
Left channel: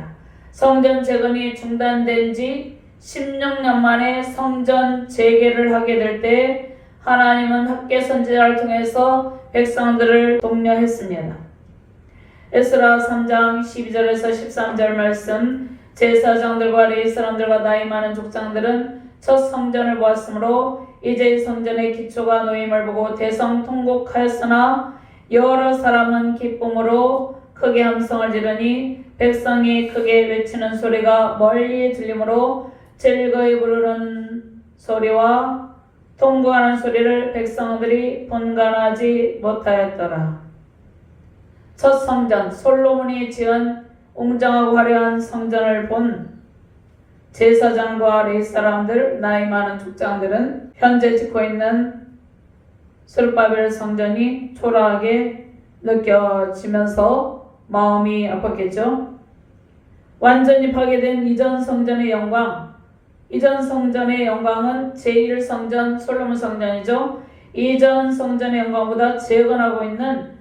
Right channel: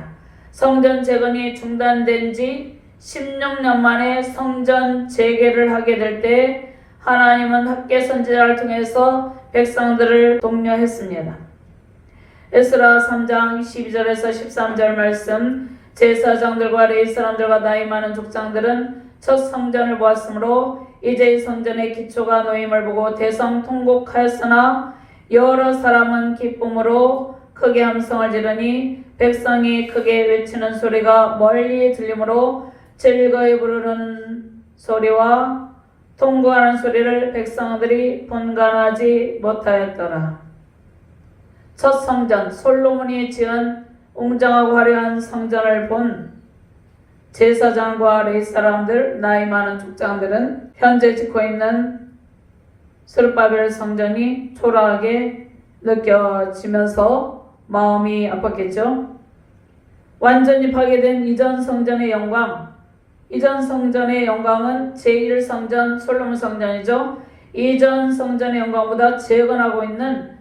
성전 재건이 중단된 지 16년 만에 성전 재개를 하게 될 때 하나님은 학계 선지자를 통해서 백성들을 독려했습니다. 에스라 3장 12절에서 13절 말씀, 제사장들과 레위 사람들과 나이 많은 족장들은 첫 성전을 보았으므로 이제 이 성전의 기초가 놓임을 보고 대성통곡하였으나 여러 사람은 기쁨으로 크게 함성을 지르니 백성이 크게 외치는 소리가 멀리 들리므로 즐거이 부르는 소리와 통곡하는 소리를 백성들이 분간하지 못하였더라. 첫 성전, 솔로몬이 지은 웅장하고 화려한 성전을 본 제사장과 레위 사람들, 나이 많은 족장들은 현재 짓고 있는 스룹바벨 성전이 초라하게 느껴지면서 마음이 아팠겠죠. 완전히 파괴된 이전 성전의 영광, 이전 성전의 영광은 제1성전 솔로몬 성전이죠. 이전 성전의 영광보다 재건하고 있는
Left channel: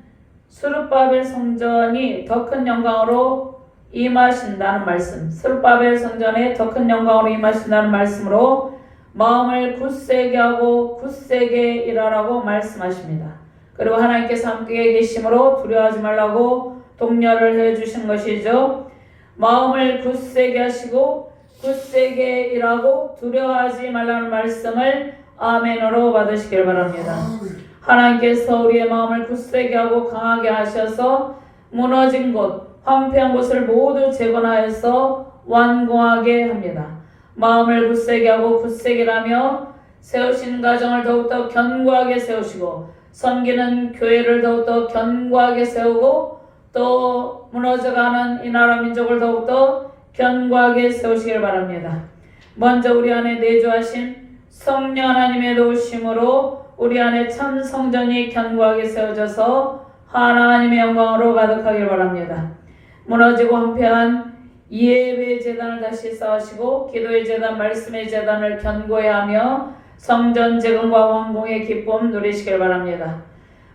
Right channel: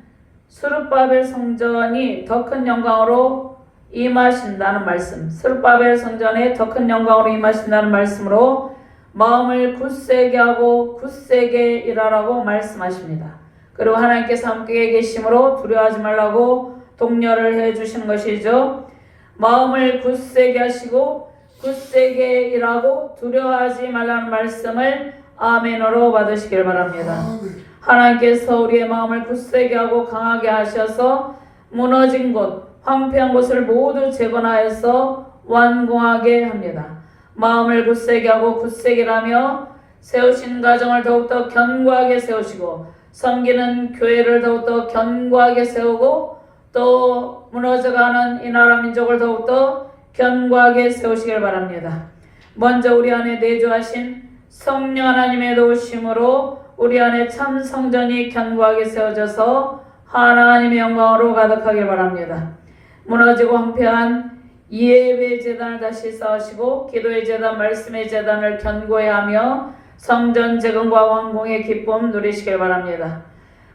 스룹바벨 성전이 더 큰 영광으로 임하신다는 말씀, 스룹바벨 성전에 더 큰 영광으로 임하신다는 말씀으로 마음을 굳세게 하고 굳세게 일하라고 말씀하십니다. 그리고 하나님께서 함께 계심으로 두려워하지 말라고 독려를 해주시는 것이죠. 마음을 굳세게 하시고 굳세게 일하고 두려워하지 말라는 말씀을 아멘으로 받으시길 바랍니다. 하나님께서 우리의 마음을 굳세게 하고 강하게 하셔서 무너진 곳, 황폐한 곳을 모두 재건하여서 완공하게 합니다. 마음을 굳세게 하고 굳세게 하며 세우신 가정을 더욱더 견고하게 세우시고 섬기는 교회를 더욱더 견고하게 세우고 또 무너져가는 이 나라 민족을 더욱더 견고하게 세우시길 바랍니다. 먼저 우리 안에 내주하신 성령 하나님의 도우심으로 우리 안에 참 성전이 견고하게 세워져서 하나님의 영광으로 가득하길 바랍니다. 무너지고 황폐한 예배 제단을 다시 쌓으시고 기도의 제단, 말씀의 제단을 견고히 하며 성전 재건과 완공의 기쁨 누리시길 바랍니다.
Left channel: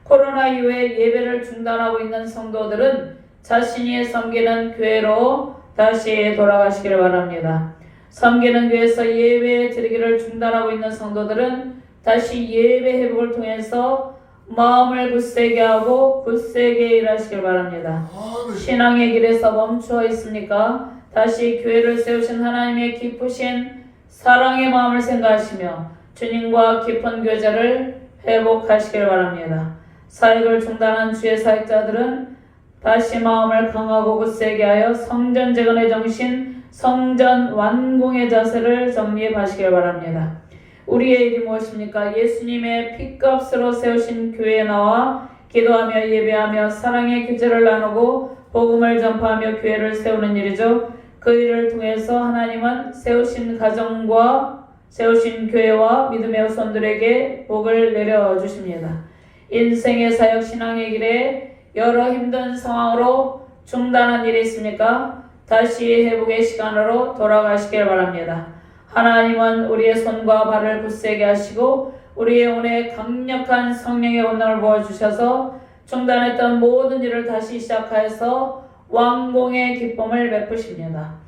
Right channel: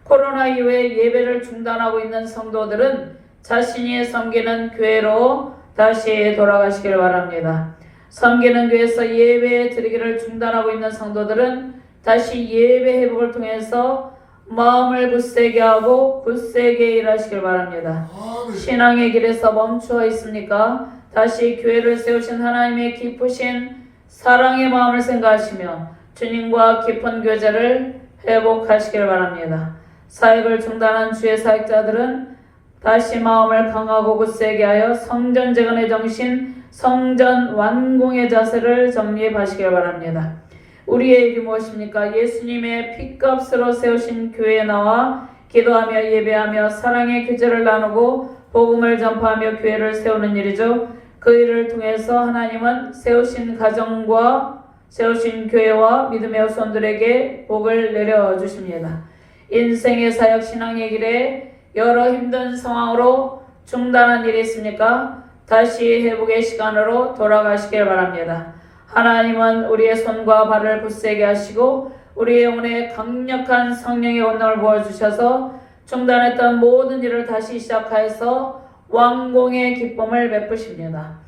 코로나 이후에 예배를 중단하고 있는 성도들은 자신이 섬기는 교회로 다시 돌아가시길 바랍니다. 섬기는 교회에서 예배 드리기를 중단하고 있는 성도들은 다시 예배 회복을 통해서 마음을 굳세게 하고 굳세게 일하시길 바랍니다. 신앙의 길에서 멈추어 있습니까? 다시 교회를 세우신 하나님의 기쁘신 사랑의 마음을 생각하시며 주님과 깊은 교제를 회복하시길 바랍니다. 사역을 중단한 주의 사역자들은 다시 마음을 강하고 굳세게 하여 성전 재건의 정신, 성전 완공의 자세를 정립하시길 바랍니다. 우리의 일이 무엇입니까? 예수님의 핏값으로 세우신 교회에 나와 기도하며 예배하며 사랑의 교제를 나누고 복음을 전파하며 교회를 세우는 일이죠. 그 일을 통해서 하나님은 세우신 가정과 세우신 교회와 믿음의 후손들에게 복을 내려주십니다. 인생의 사역 신앙의 길에 여러 힘든 상황으로 중단한 일이 있습니까? 다시 회복의 시간으로 돌아가시길 바랍니다. 하나님은 우리의 손과 발을 굳세게 하시고 우리의 영혼에 강력한 성령의 권능을 부어주셔서 중단했던 모든 일을 다시 시작하여서 완공의 기쁨을 베푸십니다.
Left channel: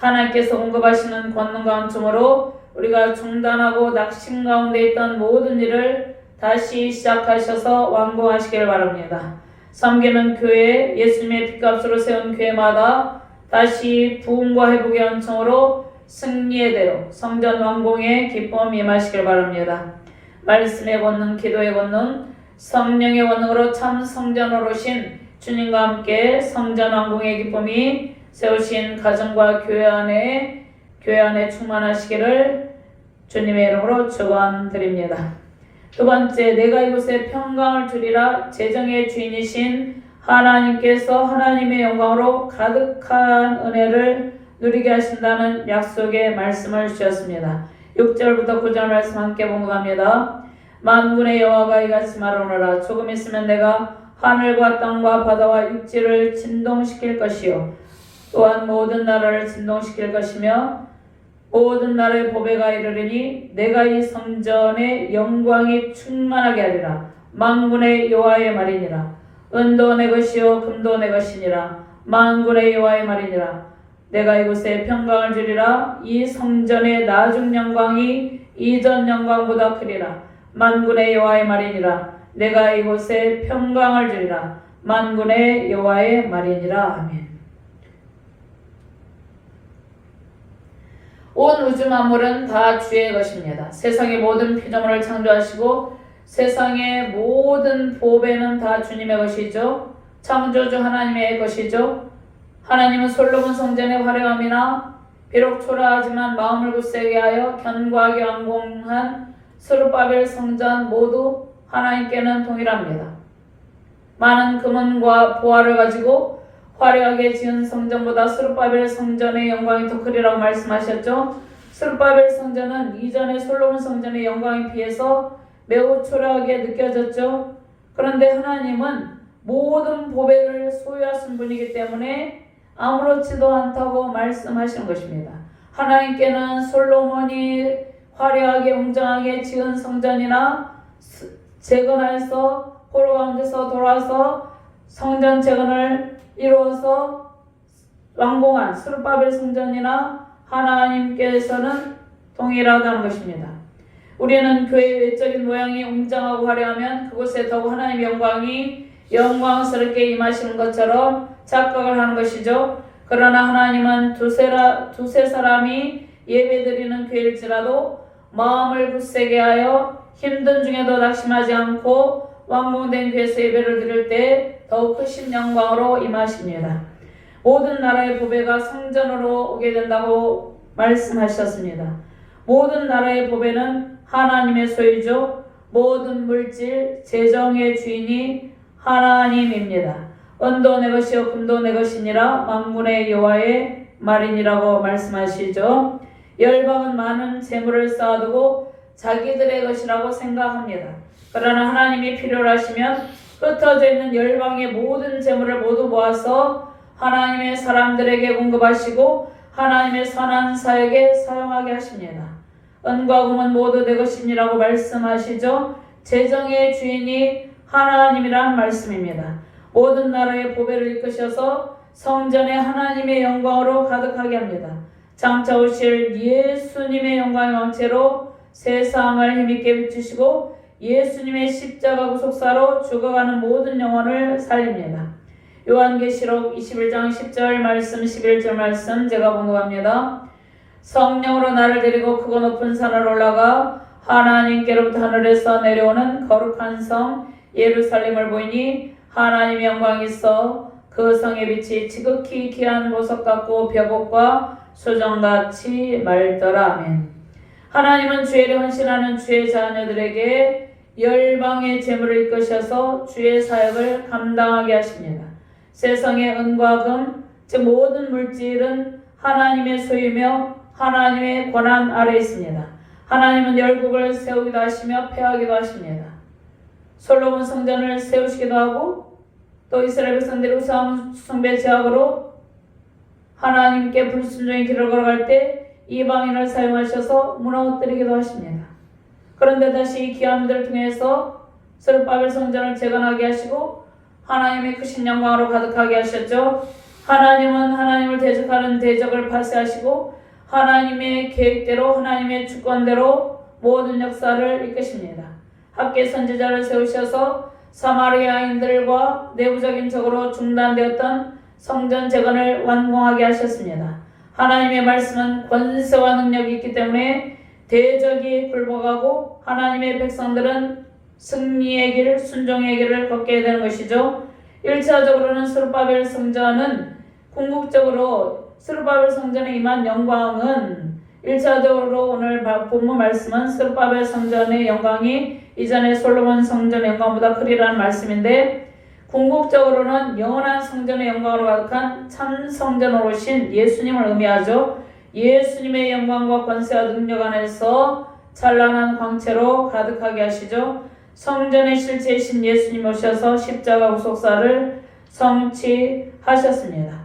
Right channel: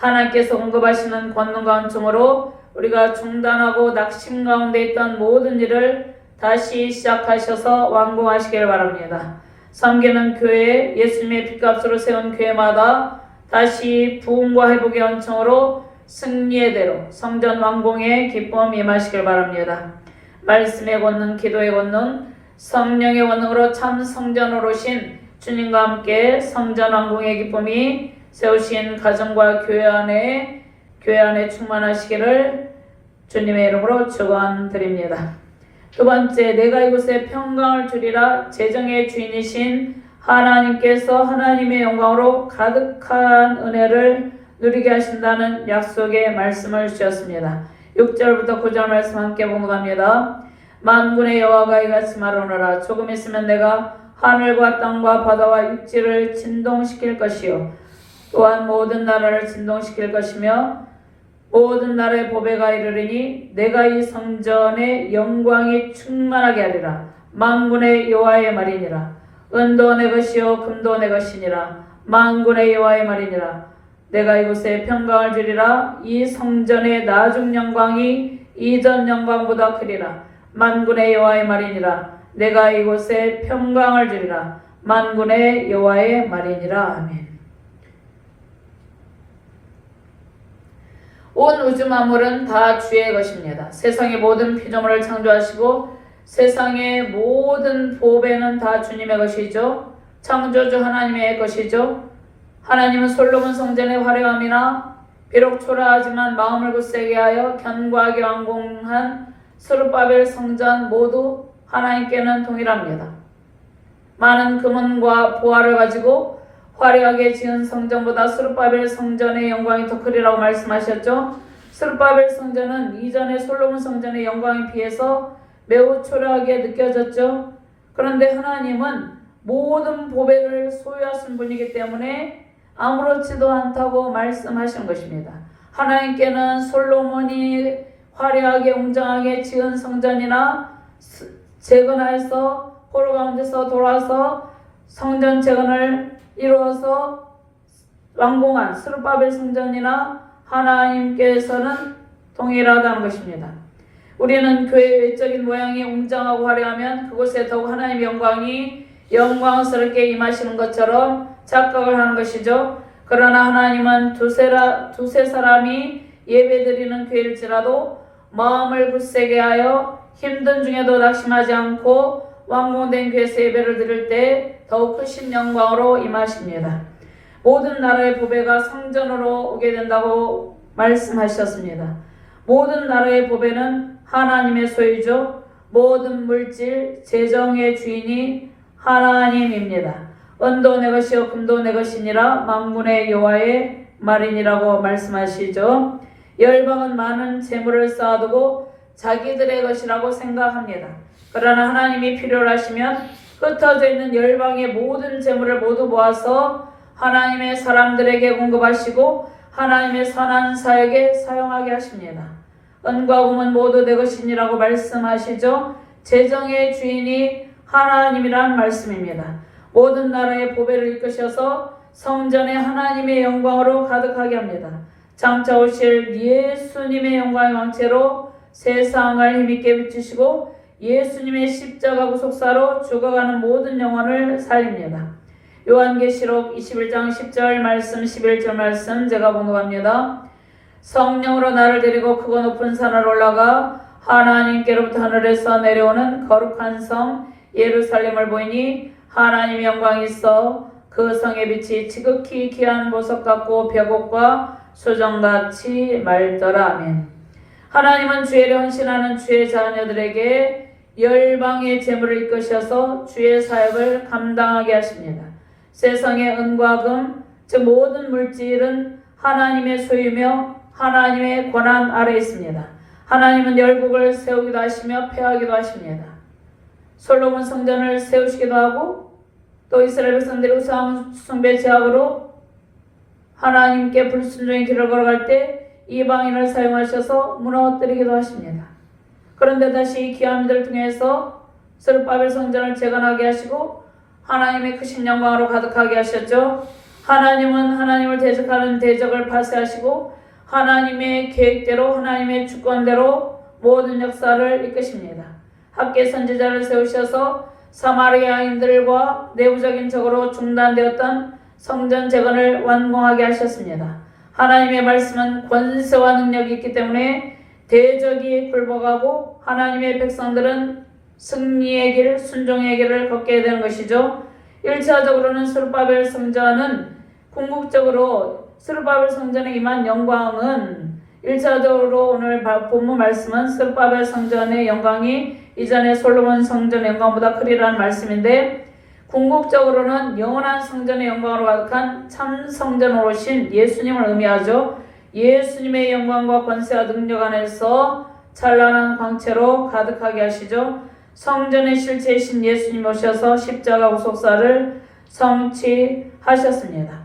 하나님께서 언급하시는 권능과 은총으로 우리가 중단하고 낙심 가운데 있던 모든 일을 다시 시작하셔서 완공하시길 바랍니다. 섬기는 교회, 예수님의 핏값으로 세운 교회마다 다시 부흥과 회복의 은총으로 승리의 대로 성전 완공의 기쁨 임하시길 바랍니다. 말씀의 권능, 기도의 권능, 성령의 권능으로 참 성전으로 오신 주님과 함께 성전 완공의 기쁨이 세우신 가정과 교회 안에 충만하시기를 주님의 이름으로 축원드립니다. 두 번째, 내가 이곳에 평강을 주리라. 재정의 주인이신 하나님께서 하나님의 영광으로 가득한 은혜를 누리게 하신다는 약속의 말씀을 주셨습니다. 6절부터 9절 말씀 함께 봉독합니다. 만군의 여호와가 이같이 말하노라. 조금 있으면 내가 하늘과 땅과 바다와 육지를 진동시킬 것이요 또한 모든 나라를 진동시킬 것이며 모든 나라의 보배가 이르리니 내가 이 성전의 영광이 충만하게 하리라. 만군의 여호와의 말이니라. 은도 내 것이요 금도 내 것이니라. 만군의 여호와의 말이니라. 내가 이곳에 평강을 주리라. 이 성전의 나중 영광이 이전 영광보다 크리라. 만군의 여호와의 말이니라. 내가 이곳에 평강을 주리라. 만군의 여호와의 말이니라. 아멘. 온 우주 만물은 다 주의 것입니다. 세상의 모든 피조물을 창조하시고 세상의 모든 보배는 다 주님의 것이죠. 창조주 하나님의 것이죠. 하나님은 솔로몬 성전의 화려함이나 비록 초라하지만 마음을 굳세게 하여 견고하게 완공한 스룹바벨 성전 모두 하나님께는 동일합니다. 많은 금은과 보화를 가지고 화려하게 지은 성전보다 스룹바벨 성전의 영광이 더 크리라고 말씀하셨죠. 스룹바벨 성전은 이전의 솔로몬 성전의 영광에 비해서 매우 초라하게 느껴졌죠. 그런데 하나님은 모든 보배를 소유하신 분이기 때문에 아무렇지도 않다고 말씀하시는 것입니다. 하나님께는 솔로몬이 화려하게 웅장하게 지은 성전이나 재건하여서 포로 가운데서 돌아와서 성전 재건을 이루어서 완공한 스룹바벨 성전이나 하나님께서는 동일하다는 것입니다. 우리는 교회의 외적인 모양이 웅장하고 화려하면 그곳에 더욱 하나님의 영광이 영광스럽게 임하시는 것처럼 착각을 하는 것이죠. 그러나 하나님은 두세 사람이 예배드리는 교회일지라도 마음을 굳세게 하여 힘든 중에도 낙심하지 않고 완공된 교회에서 예배를 드릴 때 더욱 크신 영광으로 임하십니다. 모든 나라의 보배가 성전으로 오게 된다고 말씀하셨습니다. 모든 나라의 보배는 하나님의 소유죠. 모든 물질, 재정의 주인이 하나님입니다. 은도 내 것이요 금도 내 것이니라. 만군의 여호와의 말이니라고 말씀하시죠. 열방은 많은 재물을 쌓아두고 자기들의 것이라고 생각합니다. 그러나 하나님이 필요로 하시면 흩어져 있는 열방의 모든 재물을 모두 모아서 하나님의 사람들에게 공급하시고 하나님의 선한 사역에 사용하게 하십니다. 은과 금은 모두 내 것이니라고 말씀하시죠. 재정의 주인이 하나님이란 말씀입니다. 모든 나라의 보배를 이끄셔서 성전에 하나님의 영광으로 가득하게 합니다. 장차 오실 예수님의 영광의 왕체로 세상을 힘있게 비추시고 예수님의 십자가 구속사로 죽어가는 모든 영혼을 살립니다. 요한계시록 21장 10절 말씀 11절 말씀 제가 봉독합니다. 성령으로 나를 데리고 크고 높은 산을 올라가 하나님께로부터 하늘에서 내려오는 거룩한 성 예루살렘을 보이니 하나님의 영광이 있어 그 성의 빛이 지극히 귀한 보석 같고 벽옥과 수정같이 맑더라. 아멘. 하나님은 주의를 헌신하는 주의 자녀들에게 열방의 재물을 이끄셔서 주의 사역을 감당하게 하십니다. 세상의 은과 금, 즉 모든 물질은 하나님의 소유며 하나님의 권한 아래 있습니다. 하나님은 열국을 세우기도 하시며 폐하기도 하십니다. 솔로몬 성전을 세우시기도 하고 또 이스라엘 백성들이 우상 숭배 제약으로 하나님께 불순종의 길을 걸어갈 때 이방인을 사용하셔서 무너뜨리기도 하십니다. 그런데 다시 귀함들을 통해서 스룹바벨 성전을 재건하게 하시고 하나님의 크신 영광으로 가득하게 하셨죠. 하나님은 하나님을 대적하는 대적을 파쇄하시고 하나님의 계획대로 하나님의 주권대로 모든 역사를 이끄십니다. 학계 선지자를 세우셔서 사마리아인들과 내부적인 적으로 중단되었던 성전 재건을 완공하게 하셨습니다. 하나님의 말씀은 권세와 능력이 있기 때문에 대적이 굴복하고 하나님의 백성들은 승리의 길, 순종의 길을 걷게 되는 것이죠. 1차적으로는 스룹바벨 성전은 궁극적으로 스룹바벨 성전에 임한 영광은 1차적으로 오늘 본문 말씀은 스룹바벨 성전의 영광이 이전에 솔로몬 성전의 영광보다 크리라는 말씀인데 궁극적으로는 영원한 성전의 영광으로 가득한 참 성전으로 오신 예수님을 의미하죠. 예수님의 영광과 권세와 능력 안에서 찬란한 광채로 가득하게 하시죠. 성전의 실체이신 예수님 오셔서 십자가 구속사를 성취하셨습니다.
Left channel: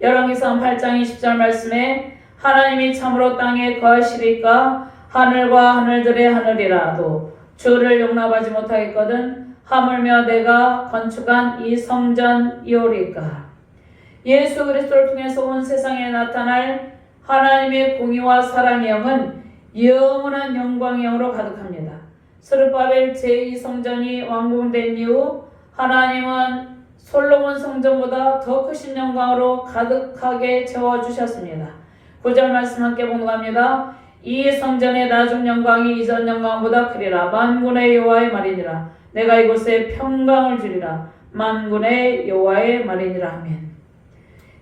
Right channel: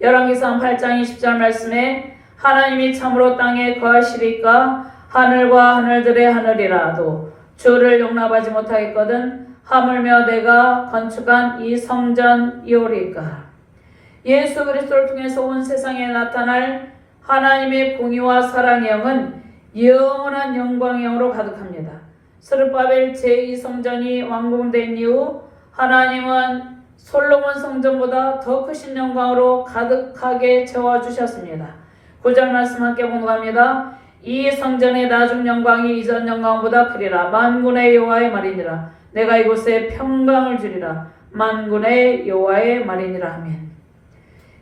열왕기상 8장 20절 말씀에 하나님이 참으로 땅에 거하시리까 하늘과 하늘들의 하늘이라도 주를 용납하지 못하겠거든 하물며 내가 건축한 이 성전이오리까. 예수 그리스도를 통해서 온 세상에 나타날 하나님의 공의와 사랑의 영은 영원한 영광의 영으로 가득합니다. 스룹바벨 제2성전이 완공된 이후 하나님은 솔로몬 성전보다 더 크신 영광으로 가득하게 채워주셨습니다. 9절 말씀 함께 공부합니다. 이 성전의 나중 영광이 이전 영광보다 크리라. 만군의 여호와의 말이니라. 내가 이곳에 평강을 주리라. 만군의 여호와의 말이니라. 아멘.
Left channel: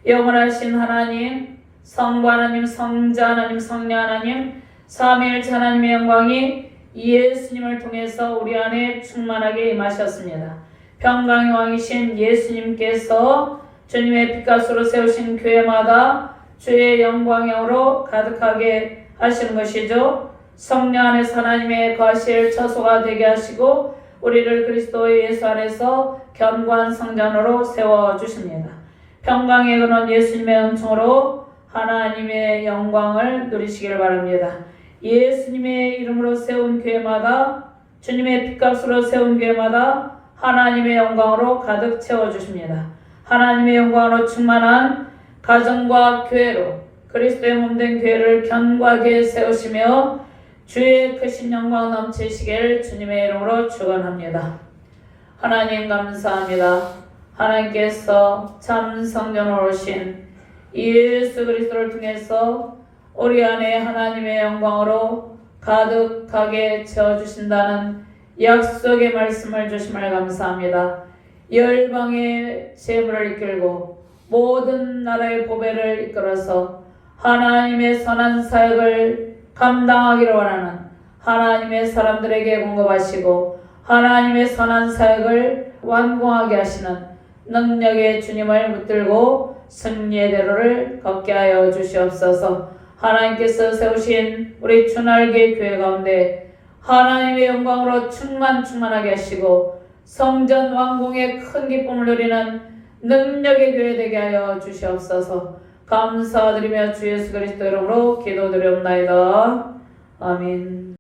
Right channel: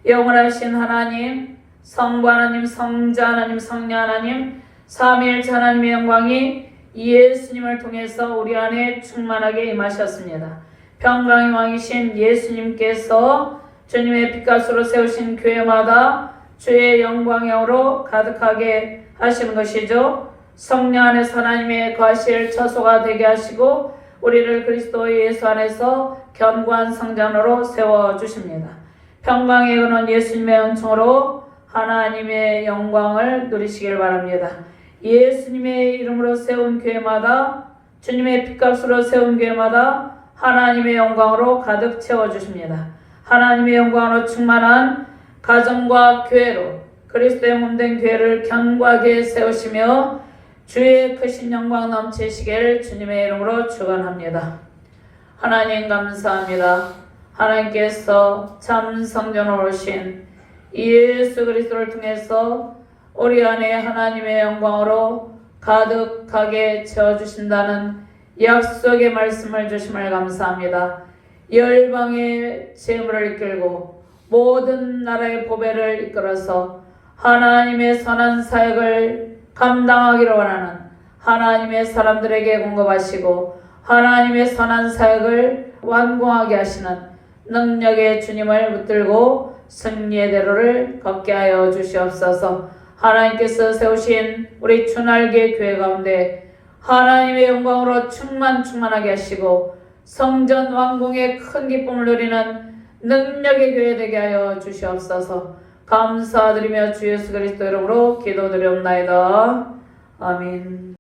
영원하신 하나님, 성부 하나님, 성자 하나님, 성령 하나님, 삼위일체 하나님의 영광이 예수님을 통해서 우리 안에 충만하게 임하셨습니다. 평강의 왕이신 예수님께서 주님의 빛가스로 세우신 교회마다 주의 영광으로 가득하게 하시는 것이죠. 성령 안에서 하나님의 거하실 처소가 되게 하시고 우리를 그리스도 예수 안에서 견고한 성전으로 세워주십니다. 평강의 근원 예수님의 은총으로 하나님의 영광을 누리시길 바랍니다. 예수님의 이름으로 세운 교회마다 주님의 빛값으로 세운 교회마다 하나님의 영광으로 가득 채워주십니다. 하나님의 영광으로 충만한 가정과 교회로 그리스도의 몸된 교회를 견고하게 세우시며 주의 크신 영광 넘치시길 주님의 이름으로 축원합니다. 하나님 감사합니다. 하나님께서 참 성전으로 오신 예수 그리스도를 통해서 우리 안에 하나님의 영광으로 가득하게 채워주신다는 약속의 말씀을 주심을 감사합니다. 열방의 재물을 이끌고 모든 나라의 보배를 이끌어서 하나님의 선한 사역을 감당하기를 원하는 하나님의 사람들에게 공급하시고 하나님의 선한 사역을 완공하게 하시는 능력의 주님을 붙들고 승리의 대로를 걷게 하여 주시옵소서. 하나님께서 세우신 우리 주날개 교회 가운데 하나님의 영광으로 충만하게 하시고 성전 완공의 큰 기쁨을 누리는 능력의 교회 되게 하여 주시옵소서. 감사드리며 주 예수 그리스도 이름으로 기도드리옵나이다. 아멘.